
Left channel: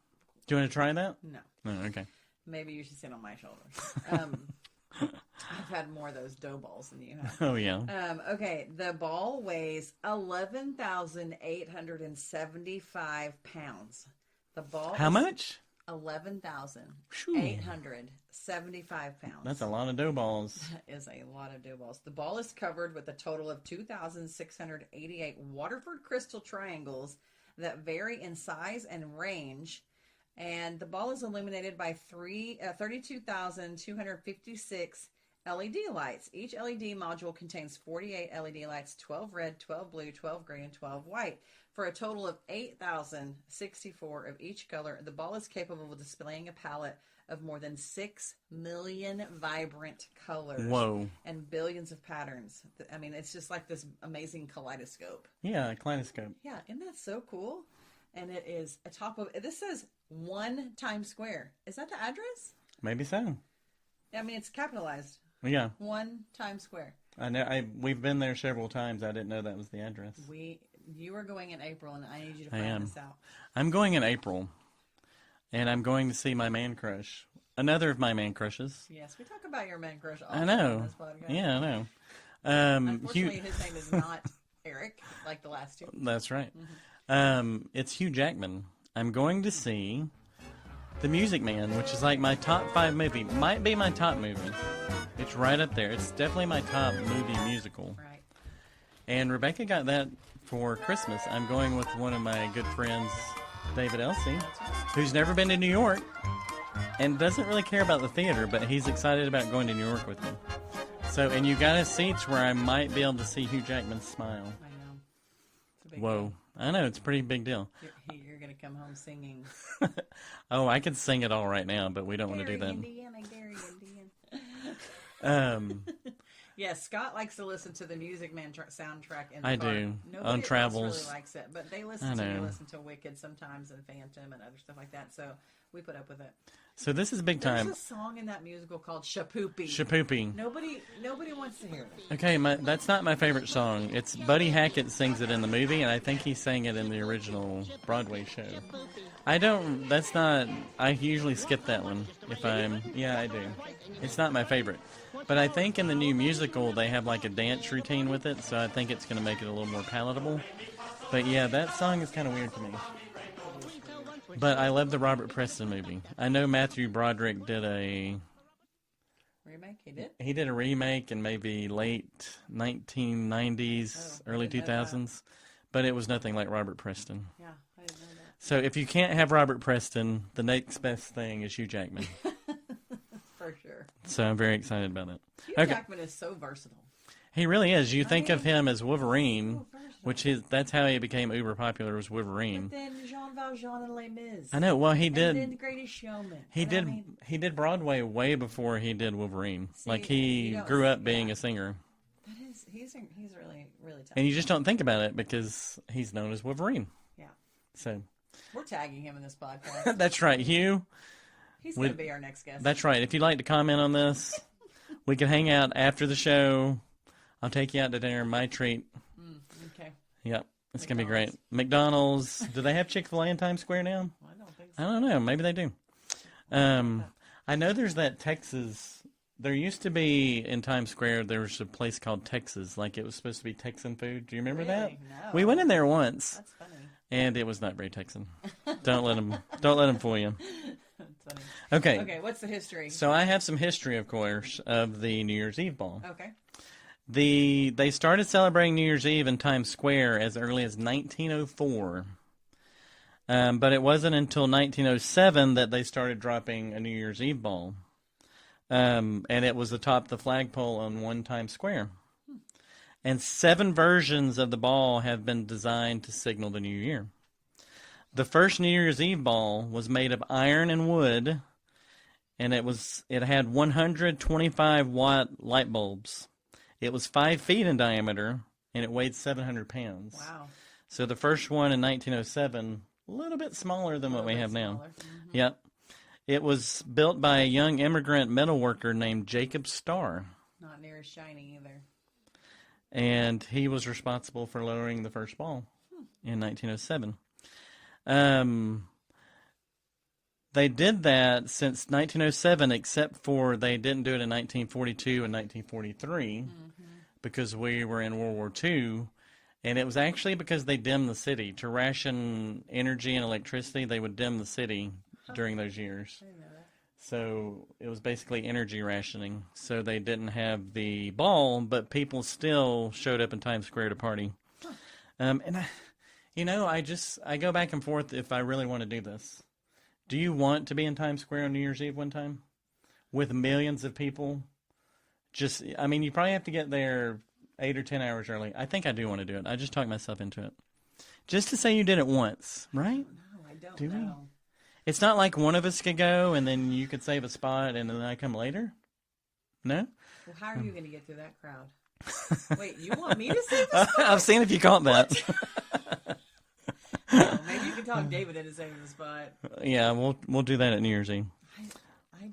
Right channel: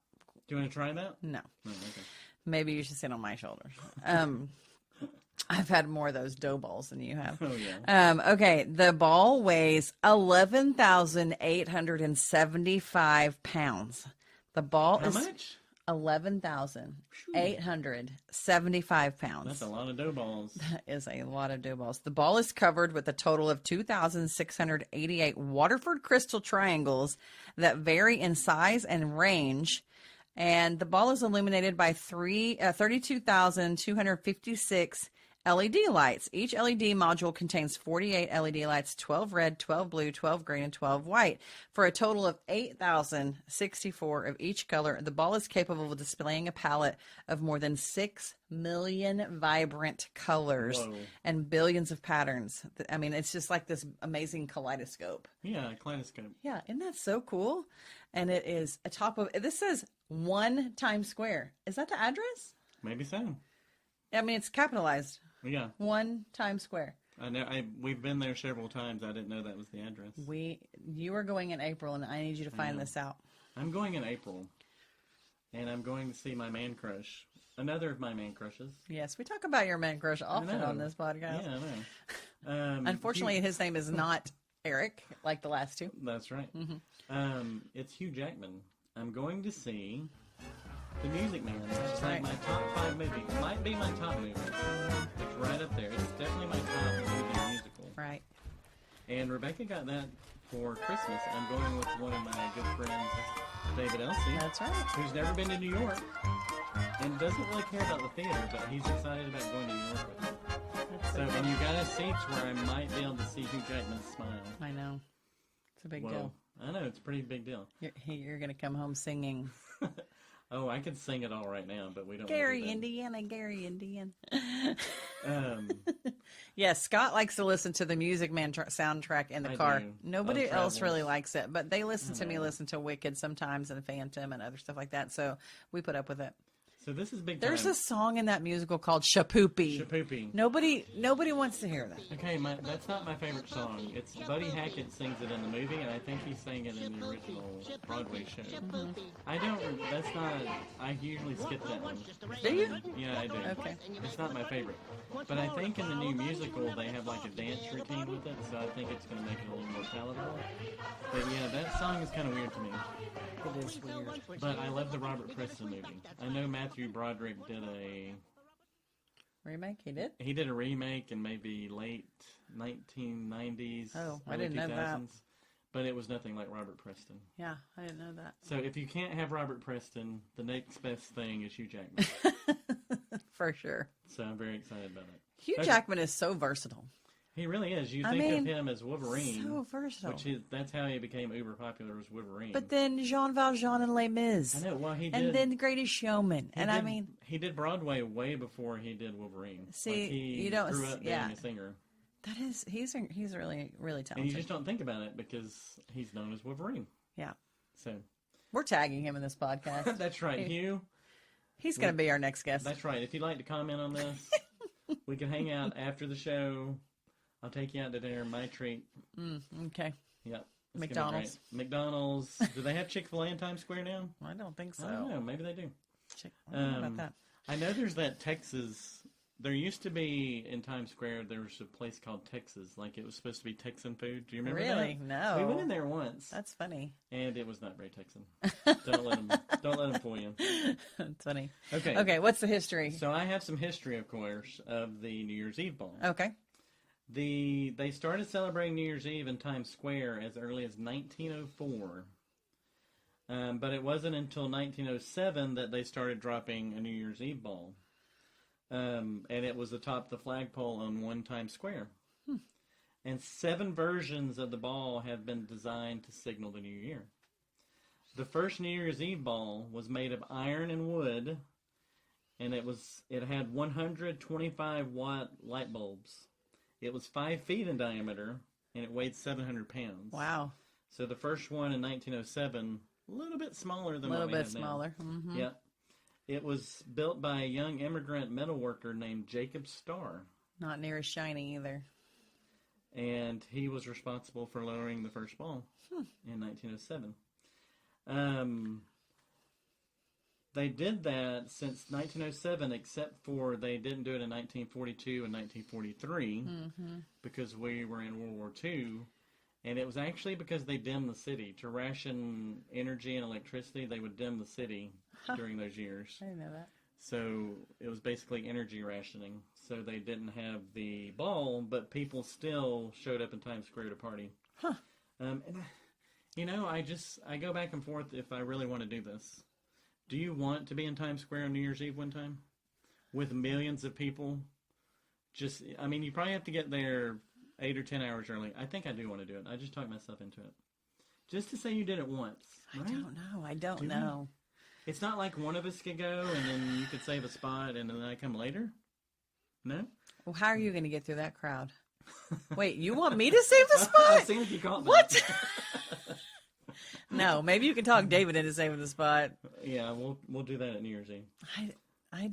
Do you want to try that? No. Oh, okay. Maybe you should sit on my shoulders. I've had more of those dough balls than you have. Oh, yeah. Okay, the ball weighs 11,875 pounds. The ball How is much? 11,875 pounds. That's a lot of dough balls. That is a lot of dough balls. The ball is covered with a total of 2,688 Waterford crystal triangles that vary in size and range. And the ball is illuminated by 32,256 LED lights. Each LED module contains 48 LED lights, 12 red, 12 blue, 12 green, and 12 white, for a total of 8,064 of each color. The ball is capable of displaying a palette of more than 6 million vibrant colors and billions of patterns. I mean, it's just like this amazing kaleidoscope. Yeah, a kaleidoscope. Yeah, isn't that so cool? And it is atop of, this says 1 Times Square. Is that the address? Maybe so. I mean, it's capitalized. Yeah. 1 Times Square. I know. We've been there several times. I didn't know that was the address. You are going in April, and I need you to find this out. I'm going in April, and I'm going to see my man crush. Another of my man crushes. Yes, we talk about your man crush often I know. on this podcast. Yeah, I know. Unfortunately, his name is not Eric, like the last two. That's right. It's Hugh Jackman. I'm going to see The Music Man, which is like my top 5 movie. Might be my top movie. It's right up there. It's definitely my top movie musical. Right. And Rebecca got that for Christmas. I'm going with one of my good friends, David Elsie, That's right. who's never been to New York and doesn't really care about the theater, but he's excited about going to New York with me. So, and you got us seats where I might be able to see Hugh Jackman smile. I know. It's a big Whoa. deal. I know, it's a pretty big deal. You're going to come home singing. Oh, I could sing it all right now, but we don't want to do that. Gary, Indiana. Um, Yes, Scott likes to listen to the Music Man soundtrack in the I car. do. Nobody On else travels. really likes it, but they listen to me know. listen to Wicked sometimes and Phantom and other stuff like that, so we put up with it. so this is big There's time. a song in that musical called Shapoopy. Shapoopy. Nobody wants to hear that. Okay, that's not my favorite song. It's Buddy Hackett sings it in the movie, and I think he sang it in the original Broadway show. I usually skip that one. Yeah, I do. Okay. It's not my favorite. But I think in the new musical, they have like a dance routine with it, so I think it's going to make it a little more palatable. But yeah, that song is kind of weird to me. But I love the Robert Preston movie. I know Matthew Broderick did a Remake? He did? He did a remake in maybe late 1990s, Oh, I early didn't know that. 2000s, but it was nothing like Robert Preston. Yeah, I didn't know that. So if you can't have Robert Preston, the next best thing is Hugh Jackman. For sure. So I'm very excited about it. Hugh Okay. Jackman is so versatile. He really is. You I think of mean, him as Wolverine, So versatile. that's how he became uber popular, was Wolverine. But then Jean Valjean and Les Mis. I know. Well, he did. And then The Greatest Showman. He and did. I mean, He did Broadway way before he did Wolverine. See, like he you don't grew up s- being yeah. a singer, he's really, really talented. and you just don't think about it because he's known as Wolverine. Yeah. So We're tagging him in this podcast. that's right, Hugh. He's going to be our next guest. That's right. If you'd like to comment on this, we can hang out after the show. I'll take you out to dinner. My treat. Okay. Yep. It's going to be great. McDonald's. Do they have Chick-fil-A in Times Square now? I don't think so. I don't know. Maybe they do. That. I know there's that Texas. There used to be in Times Square, there was a place called Texas. Like it was supposed to be Texan food. Do you remember Really? that? No. We went in there once. That's funny. And it was not very Texan. Don't let them fool you. That's funny. Okay. Okay, what's the history? So I have some history, of course, of the New Year's Eve ball. Okay. They started celebrating New Year's Eve in Times Square as early as 1904. But it wasn't until 1907 that they started dropping a New Year's Eve ball. And it was atop the flagpole on one Times Square. And 7 versions of the ball have been designed to signal the new year. The first New Year's Eve ball was made of iron and wood, and it had 125-watt light bulbs. It was 5 feet in diameter, and it weighed 700 pounds. Wow. So the first one in 1907, a little bit smaller than what we have now. Mm-hmm. Yep. It was built by a young immigrant metal worker named Jacob Starr. Not near as shiny either. And he was responsible for lowering the first ball in 1907. They did that since 1907, except for they didn't do it in 1942 and 1943 because we were in World War II. And it was actually because they dimmed the city. To ration energy and electricity, they would dim the city during those years. I didn't know that. So it was basically energy rationing. So they didn't have the ball, but people still showed up in Times Square to party. And I go back and forth if I really want to do this. Do you want to be in Times Square on New Year's Eve one time with millions of people? You probably have to get there 8 or 10 hours early. I think I do want to do it. I just talked myself into it. Just to say you did it once, right? I don't know. It's not like one of us could go and then you could save a spot and then I come later? No? Well, how are you going to get through that crowd? Wait, you want me to save the spot? I've seen if you caught that. No, maybe you can talk David into saving the spot. Yeah, we'll do that at New Year's Eve. I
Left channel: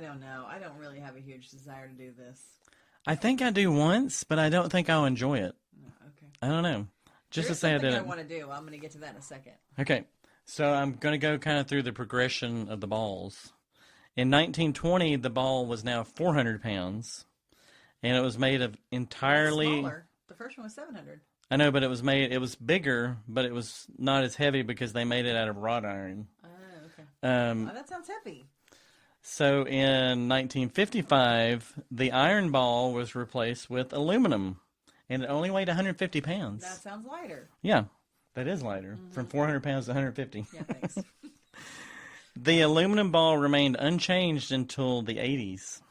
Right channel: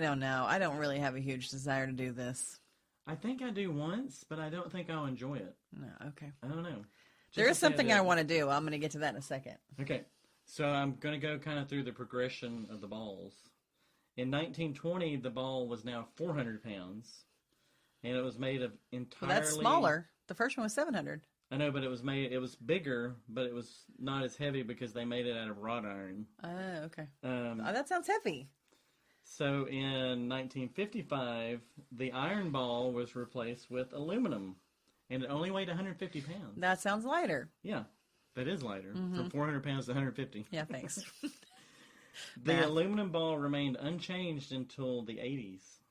don't know. I don't really have a huge desire to do this. I think I do once, but I don't think I'll enjoy it. No, okay. I don't know. There's something I want to do. I'm going to get to that in a second. Okay. So I'm going to go kind of through the progression of the balls. In 1920, the ball was now 400 pounds, and it was made of entirely... That's smaller. The first one was 700. I know, but it was bigger, but it was not as heavy because they made it out of wrought iron. Oh, okay. That sounds heavy. So in 1955, the iron ball was replaced with aluminum, and it only weighed 150 pounds. That sounds lighter. Yeah. That is lighter, from 400 pounds to 150. Yeah, thanks. The aluminum ball remained unchanged until the 80s,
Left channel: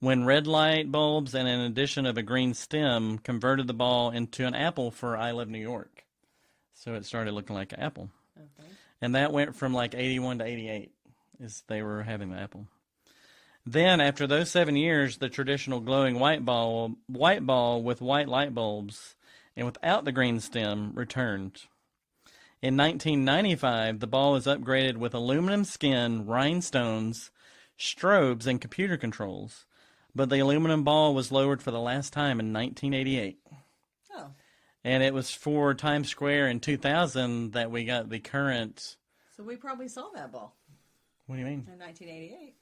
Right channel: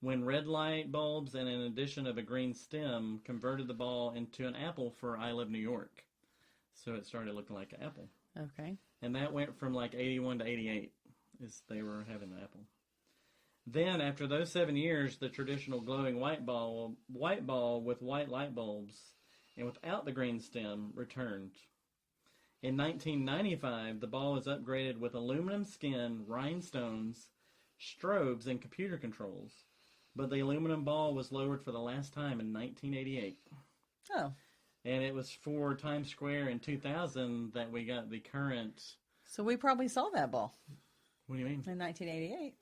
when red light bulbs and an addition of a green stem converted the ball into an apple for I Love New York. So it started looking like an apple. Okay. And that went from like 81 to 88 as they were having the apple. Then, after those 7 years, the traditional glowing white ball with white light bulbs and without the green stem returned. In 1995, the ball was upgraded with aluminum skin, rhinestones, strobes, and computer controls. But the aluminum ball was lowered for the last time in 1988. Oh. And it was for Times Square in 2000 that we got the current... So we probably saw that ball. What do you mean? In 1988.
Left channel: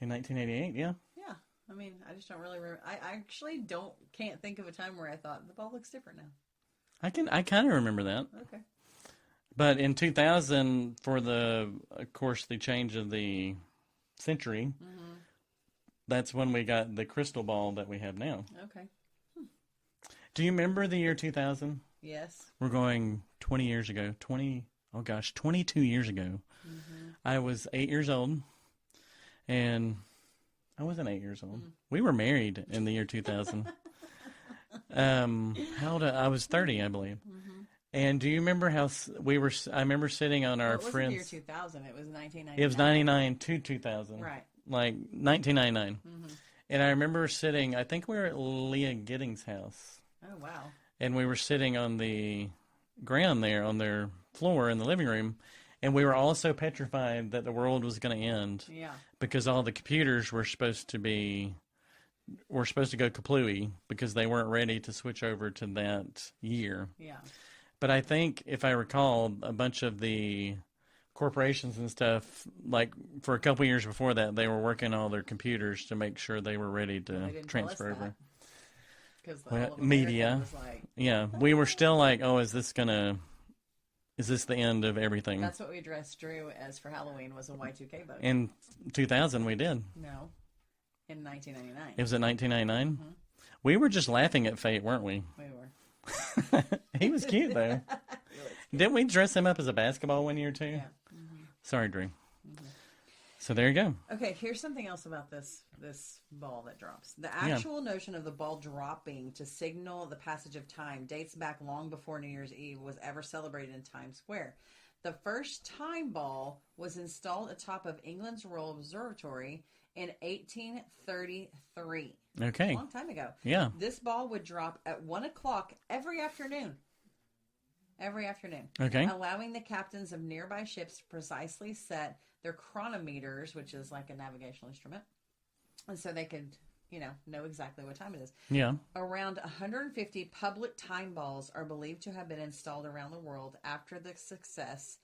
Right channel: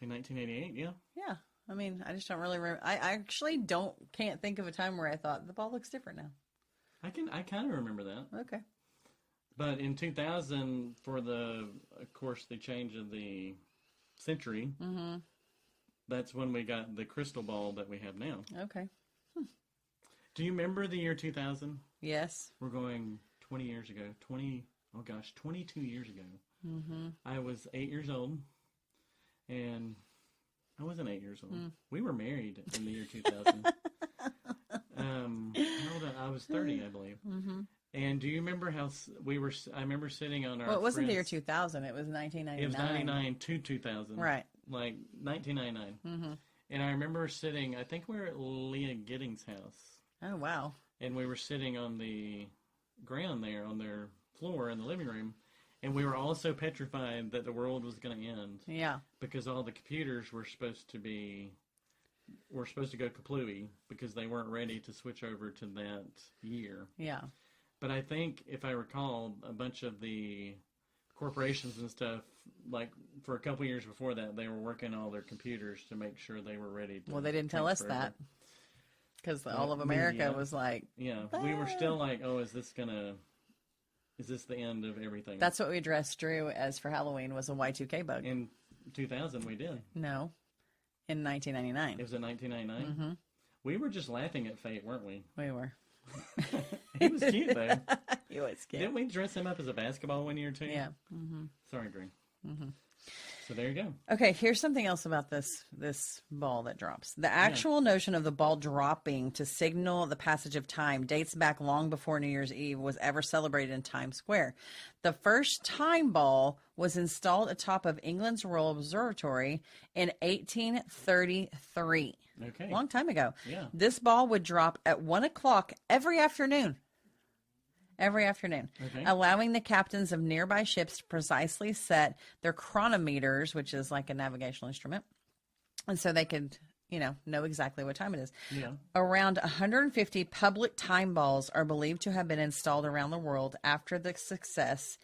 In 1988, yeah. Yeah. I mean, I just don't really remember. I actually can't think of a time where I thought the ball looks different now. I kind of remember that. Okay. But in 2000, for the change of the century, that's when we got the crystal ball that we have now. Okay. Do you remember the year 2000? Yes. We're going 20 years ago. 22 years ago. I was 8 years old, and I wasn't 8 years old. We were married in the year 2000. How old? I was 30, I believe. And do you remember how we were? I remember sitting on our. Well, it wasn't friends, the year 2000. It was 1999. It was 99 to 2000. Right. Like 1999. And I remember sitting. I think we were at Leah Giddings' house. Oh wow. And we were sitting on the ground there on their floor in the living room. And we were all so petrified that the world was going to end. Yeah. Because all the computers were supposed to go kaplooey because they weren't ready to switch over to that year. Yeah. But I think, if I recall, a bunch of the corporations and stuff, like for a couple years before that, they were working on all their computers to make sure they were ready to. Well, they didn't tell us transfer that because all of America was like. Yeah, we were still like, oh, is this the end of everything? That's what we dressed Drew as for Halloween, was a Y2K bug. In 2000, we did. No, in 1999. It was in 1999? We were just laughing at fate, weren't we? We were. He was cute, though. He was cute. Didn't we dress him up as a basketball one year, too? Yeah. Sorry, Drew. So there you go. Okay, here's something else about this ball that drops. The actual notion of the ball dropping to signal the passage of time dates back long before New Year's Eve was ever celebrated in Times Square. The first time ball was installed atop of England's Royal Observatory in 1833. Okay. A long time ago. Yeah. This ball would drop at 1 o'clock every afternoon. Every afternoon. Okay. Allowing the captains of nearby ships to precisely set their chronometers, which is like a navigational instrument. And so they could, know exactly what time it is. Yeah. Around 150 public time balls are believed to have been installed around the world after that success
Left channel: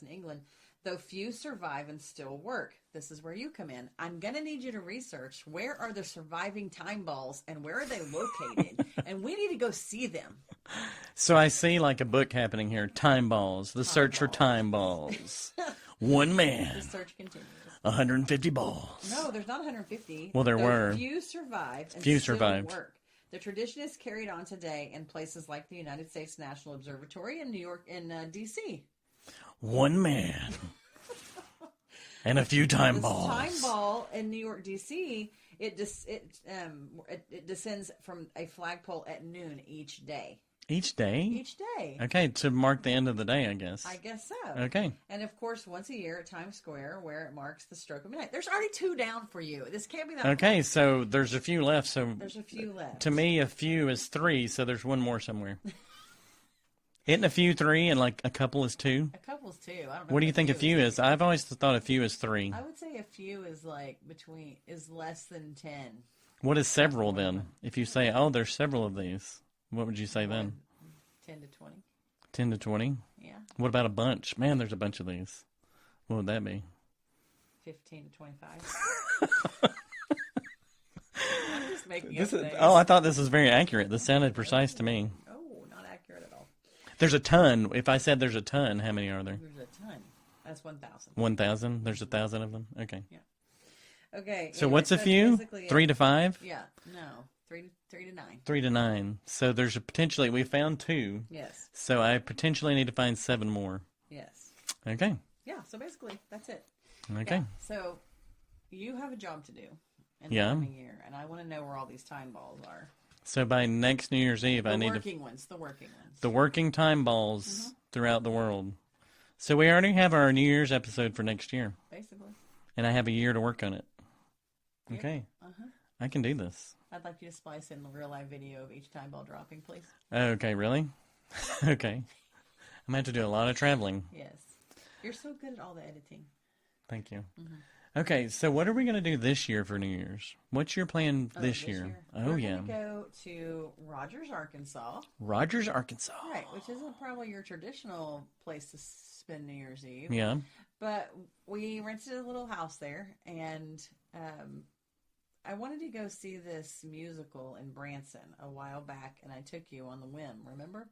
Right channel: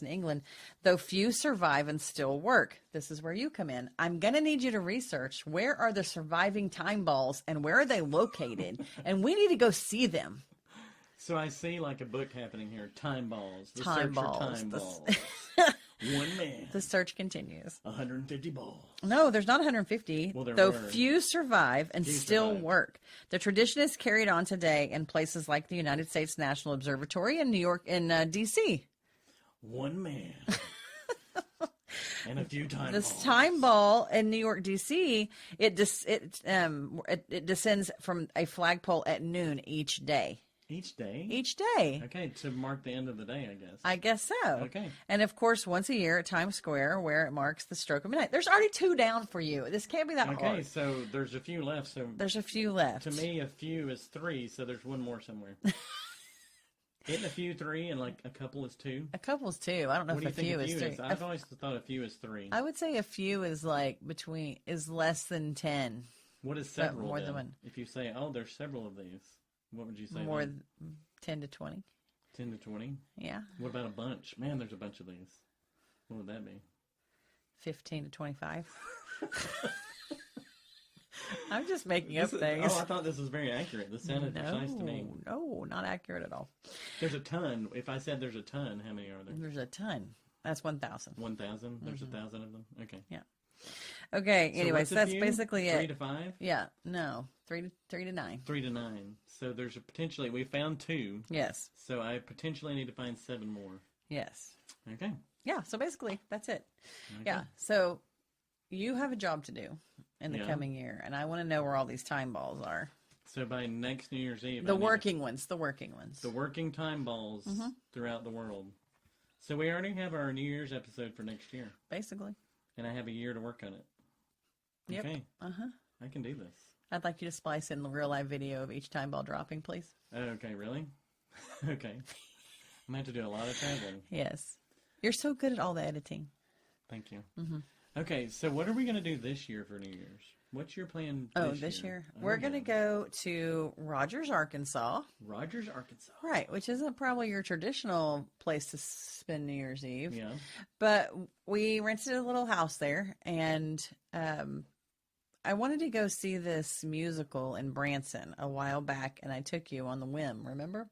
in England, though few survive and still work. This is where you come in. I'm going to need you to research where are the surviving time balls and where are they located? And we need to go see them. So I see like a book happening here. Time balls. The search for time balls. One man. The search continues. 150 balls. No, there's not 150. Well, there though were. Few survive and Few still survived. work. The tradition is carried on today in places like the United States National Observatory in New York and D.C. One man. And a few time This balls. time ball in New York, D.C., it descends from a flagpole at noon each day. Each day? Each day. Okay, to mark the end of the day, I guess. I guess so. Okay. And of course, once a year at Times Square, where it marks the stroke of midnight. There's already 2 down for you. This can't be that Okay, hard. so there's a few left. So There's a few left. to me, a few is 3, so there's one more somewhere. Isn't a few 3 and like a couple is 2? A couple's 2. I don't know. What do if you think a few is? 3. I've always thought a few is 3. I would say a few is like is less than 10. What is several more than then? one. If you say, oh, there's several of these, what would you say More then? 10 to 20. 10 to 20? Yeah. What about a bunch? Man, there's a bunch of these. What would that be? 15 to 25. I'm just making up things. Oh, I thought this was very accurate. This sounded precise to me. No, not accurate at all. There's a ton. If I said there's a ton, how many are there? There's a ton. That's 1,000. 1,000? There's 1,000 of them? Okay. Yeah. Okay. So anyway, what's a that's few? basically 3 it. to 5? Yeah. No. 3 to 9. 3 to 9. So there's a potentially, we found 2. Yes. So I potentially need to find 7 more. Yes. Okay. Yeah. So basically, that's it. Okay. Yeah. So you have a job to do in the coming year, and I want to know where all these time balls are. So by next New Year's Eve, I The need working ones. The working ones. the working time balls throughout the world. So we already have our New Year's episode for next year, Basically. and I have a year to work on it. Yep. Okay. Uh-huh. I can do this. I'd like you to splice in the real live video of each time ball dropping, please. Okay, really? Okay. I'm going to have to do a lot of traveling. Yes. You're so good at all the editing. Thank you. Okay, so what are we going to do this year for New Year's? What's your plan this year? Oh, We're going to go to Rogers, Arkansas. Rogers, Arkansas. Right, which isn't probably your traditional place to spend New Year's Eve. Yeah. But we rented a little house there, and I wanted to go see this musical in Branson a while back, and I took you on the whim, remember?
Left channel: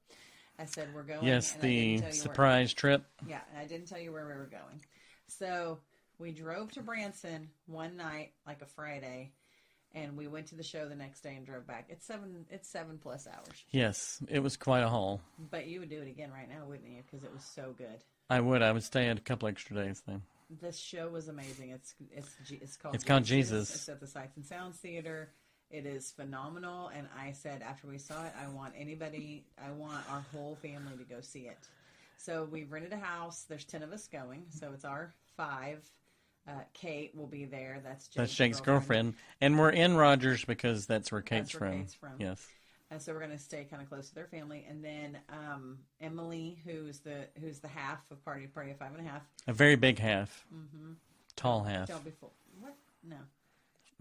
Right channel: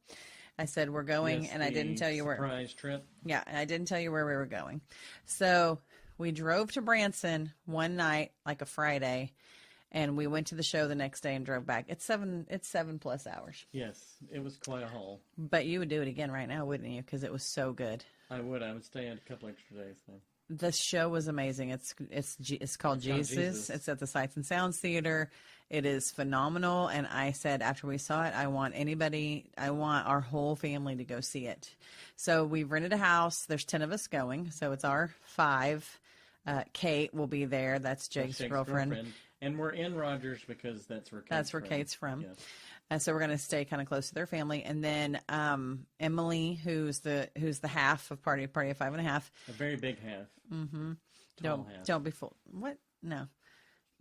I said, we're going, Yes, and I didn't tell you where. surprise trip. Yeah, and I didn't tell you where we were going. So we drove to Branson one night, like a Friday, and we went to the show the next day and drove back. It's 7+ hours. Yes, it was quite a haul. But you would do it again right now, wouldn't you? Because it was so good. I would stay a couple extra days then. The show was amazing. It's called It's Jesus. called Jesus. It's at the Sights and Sounds Theater. It is phenomenal. And I said after we saw it, I want our whole family to go see it. So we've rented a house. There's 10 of us going. So it's our 5. Kate will be there. That's Jake's girlfriend. And we're in Rogers because that's where Kate's from. That's where Kate's from. Yes. And so we're going to stay kind of close to their family. And then Emily, who's the half of Hardie Party of 5.5. A very big half. Mm-hmm. Tall half. Don't be full. What? No.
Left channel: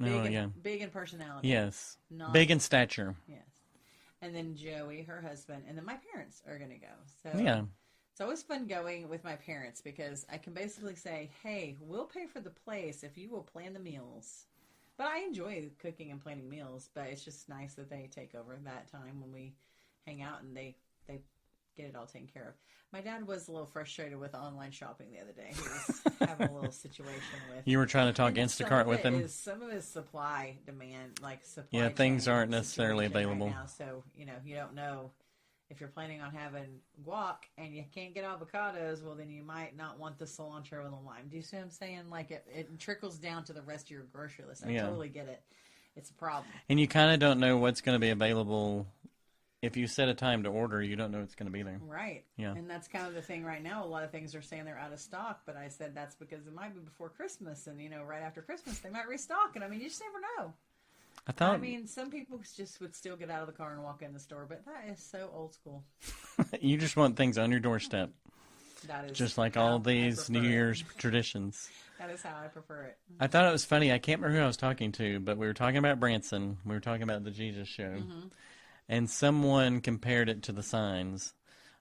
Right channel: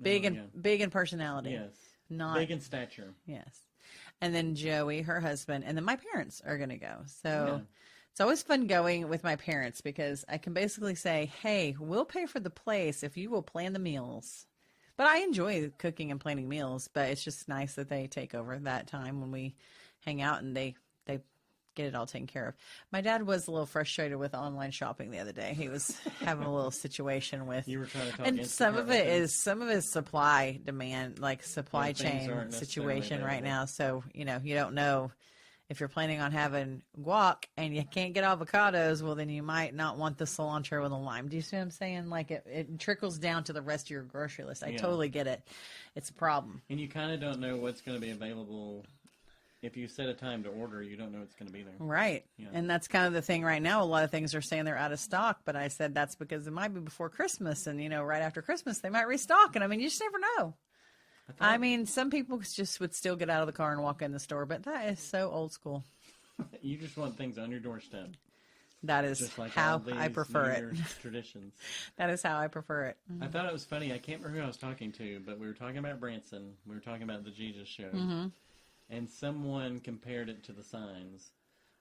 No, Big in personality. Yes. Not big in stature. Yes. And then Joey, her husband, and then my parents are going to go. So Yeah. it's always fun going with my parents because I can basically say, hey, we'll pay for the place if you will plan the meals. But I enjoy cooking and planning meals, but it's just nice that they take over that time when we hang out and they get it all taken care of. My dad was a little frustrated with online shopping the other day. He was having a little situation with. You were trying to talk Instacart with him? Some of his supply demand, like supply chain things aren't necessarily situation available right now. So, you don't know if you're planning on having guac and you can't get avocados, well, then you might not want the cilantro and the lime. Do you see what I'm saying? Like it trickles down to the rest of your grocery list. I totally get it. It's a problem. And you kind of don't know what's going to be available. If you set a time to order, you don't know it's going to be there. Right. Yeah. And that's kind of the thing right now. A lot of things are saying they're out of stock, but I said that's because it might be before Christmas. And, right after Christmas, they might restock. And, you just never know. Some people just would still get out of the car and walk in the store, but that is so old school. You just want things on your doorstep. That is just like how all these New Year's traditions. That is how I prefer it. I thought it was funny. I can't remember who I was talking to, but we were talking about Branson. We were talking about the Jesus show. Mm-hmm. And someone compared it to the signs.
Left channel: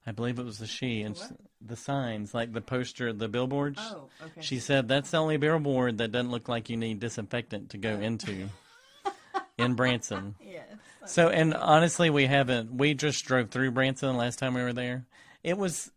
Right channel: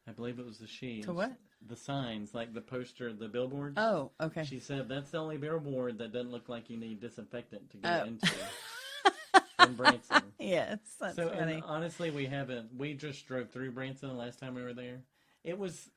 I believe it was To what? The signs, like the poster, the billboards. Oh, okay. She said that's the only billboard that doesn't look like you need disinfectant to go into in Branson. Yes. So, and honestly, we just drove through Branson the last time we were there. It was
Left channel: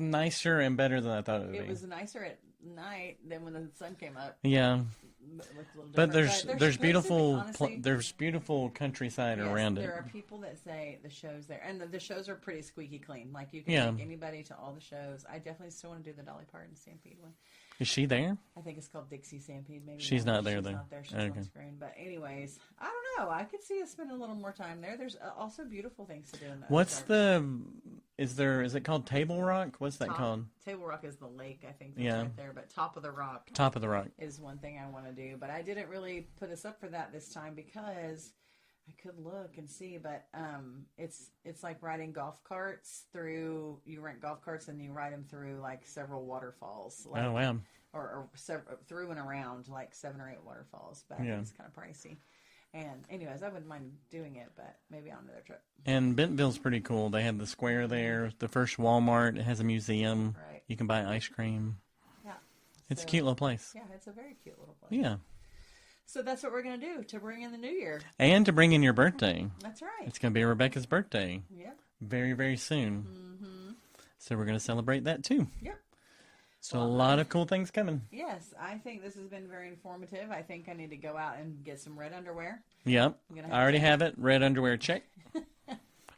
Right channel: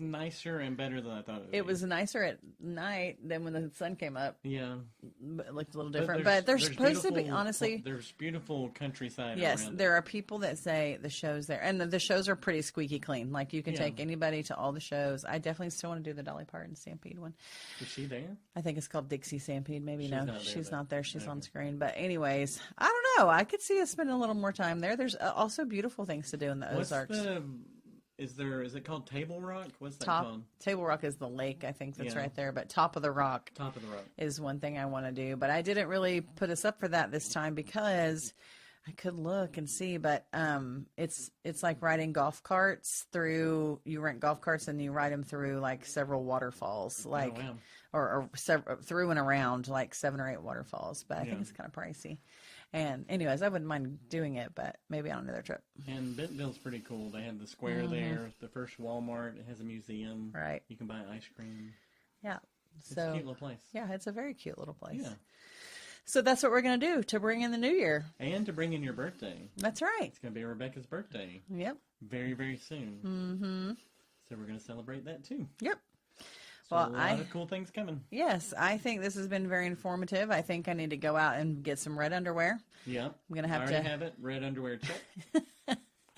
nicer and better than I thought it would be. It was nicer at night than when the sun came up. Yeah. But it looked a little different. But there's beautiful, honestly, there's beautiful countryside around it. There are people that say the shows there, and the shows are pretty squeaky clean. Like you can take anybody to all the shows. I definitely still want to do the Dolly Parton Stampede one. Is she there? I think it's called Dixie Stampede. Maybe she's not there. She's not there. She's on screen. But anyways, I don't know. I could see us spending a little more time there. There's also beautiful things to do in the Ozarks. Is it called Table Rock? What's that called? Table Rock is the lake, I think that's right there. But Top of the Rock is one thing I want to do. But I didn't really put us up for that this time because I could look and see. But it's like riding golf carts through. You rent golf carts and you ride them through like several waterfalls. Like, oh wow! Or several, through and around like 7 or 8 waterfalls. But I think it's kind of pricey. And anyways, I wouldn't mind doing it, but maybe on another trip. And Bentonville's pretty cool. They have the square there, the first Walmart. It has a museum. Right. You can buy ice cream. Yeah. It's a cute little place. Yeah, it's a very cute little place. Yeah. So that's what we're going to do to bring in the new year. And to bring in your birthday. That's right. It's going to be Rebecca's birthday. Yep. Very, very soon. Mm-hmm. So we're going to celebrate that too. Yep. So a lot of cool things coming. Yes, I think this has been very informative. I think I need to go out and get some red underwear. Yep. I already have it. Red underwear, check.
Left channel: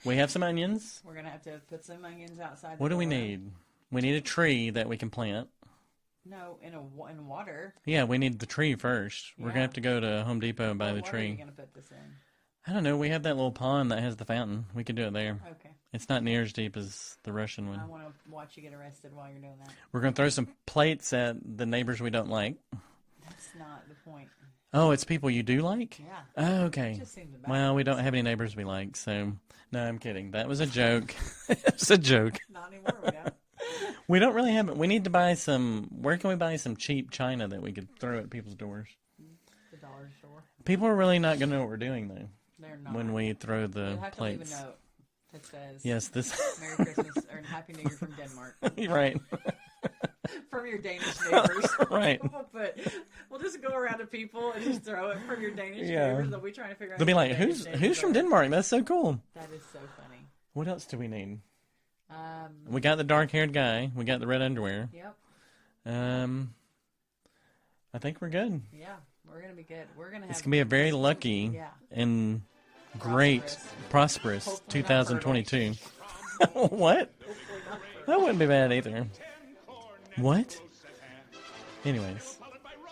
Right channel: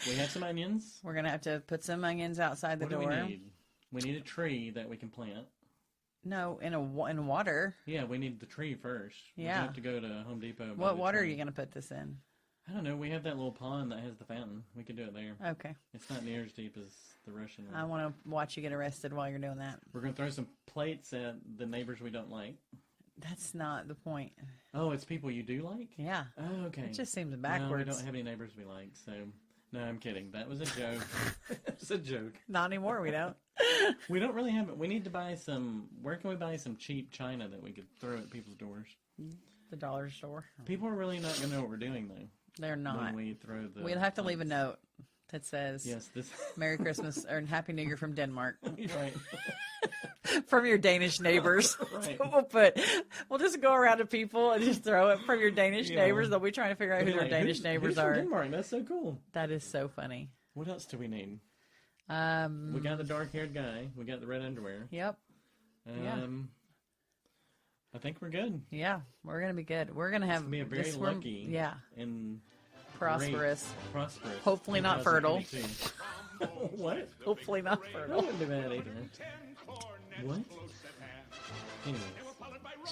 We have some onions. We're going to have to put some onions outside the door. door. What do we need? We need a tree that we can plant. No, in water. Yeah, we need the tree first. We're going to have to go to Home Depot and buy the tree. What water are you going to put this in? I don't know. We have that little pond that has the fountain. We could do it there. Okay. It's not near as deep as the Russian one. I want to watch you get arrested while you're doing that. We're going to throw some plates at the neighbors we don't like. That's not the point. Oh, it's people you do like? Yeah. Oh, okay. It just seems backwards. Well, we don't have any neighbors we like, so... No, I'm kidding. That was a joke. It's a joke. Not anymore, we don't. We don't really have it. We need to buy some... Where can we buy some cheap china that we could throw at people's doors? The dollar store. People are really not going to know what we're doing, though. They're not. When we throw the You'll have to plates. leave a note that says, yes, this Merry Christmas or Happy New Year from Denmark. Right. From your Danish neighbors. Right. We'll just go around to people and just throw it from your Danish neighbors. They'll be trying to figure out They'll be like, Danish who's from Denmark? That's so cool. That is so funny. What else do we need? We got the dark-haired guy. We got the red underwear. Yep. I think we're good. Yeah, we're going to be good. We're going to have... It's going to be a very lucky and great, prosperous hopefully 2022. What? Hopefully not fertile. That wouldn't be bad either. What? Anyways.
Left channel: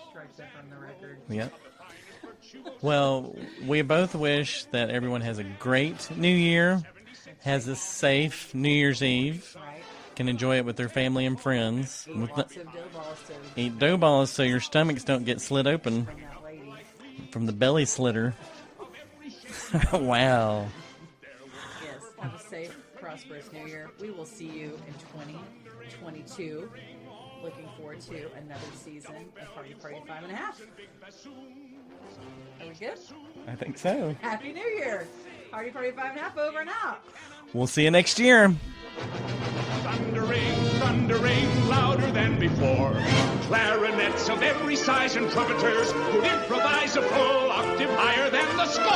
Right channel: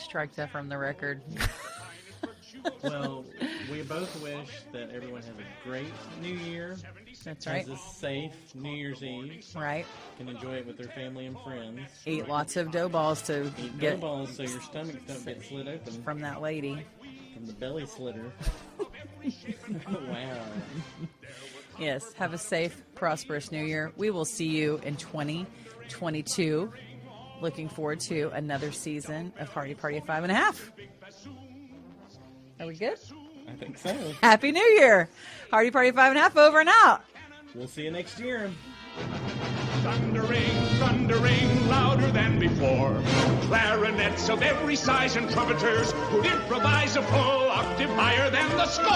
Strike that from the record. Yep. Well, we both wish that everyone has a great New Year. Has a safe New Year's Eve. Right. Can enjoy it with their family and friends. Eat lots of dough balls to... Eat dough balls so your stomachs don't get slit open. From that lady. From the belly slitter. Wow. Yes. Have a safe, prosperous New Year. We will see you in 2022. Looking forward to another season of Hardie Party of 5 and a half. Are we good? I think so. Happy New Year. Hardie Party of 5 and a half over and out. We'll see you next year. Thundering, thundering, louder than before. Clarinets of every size and trumpeters could improvise a full octave higher than the score.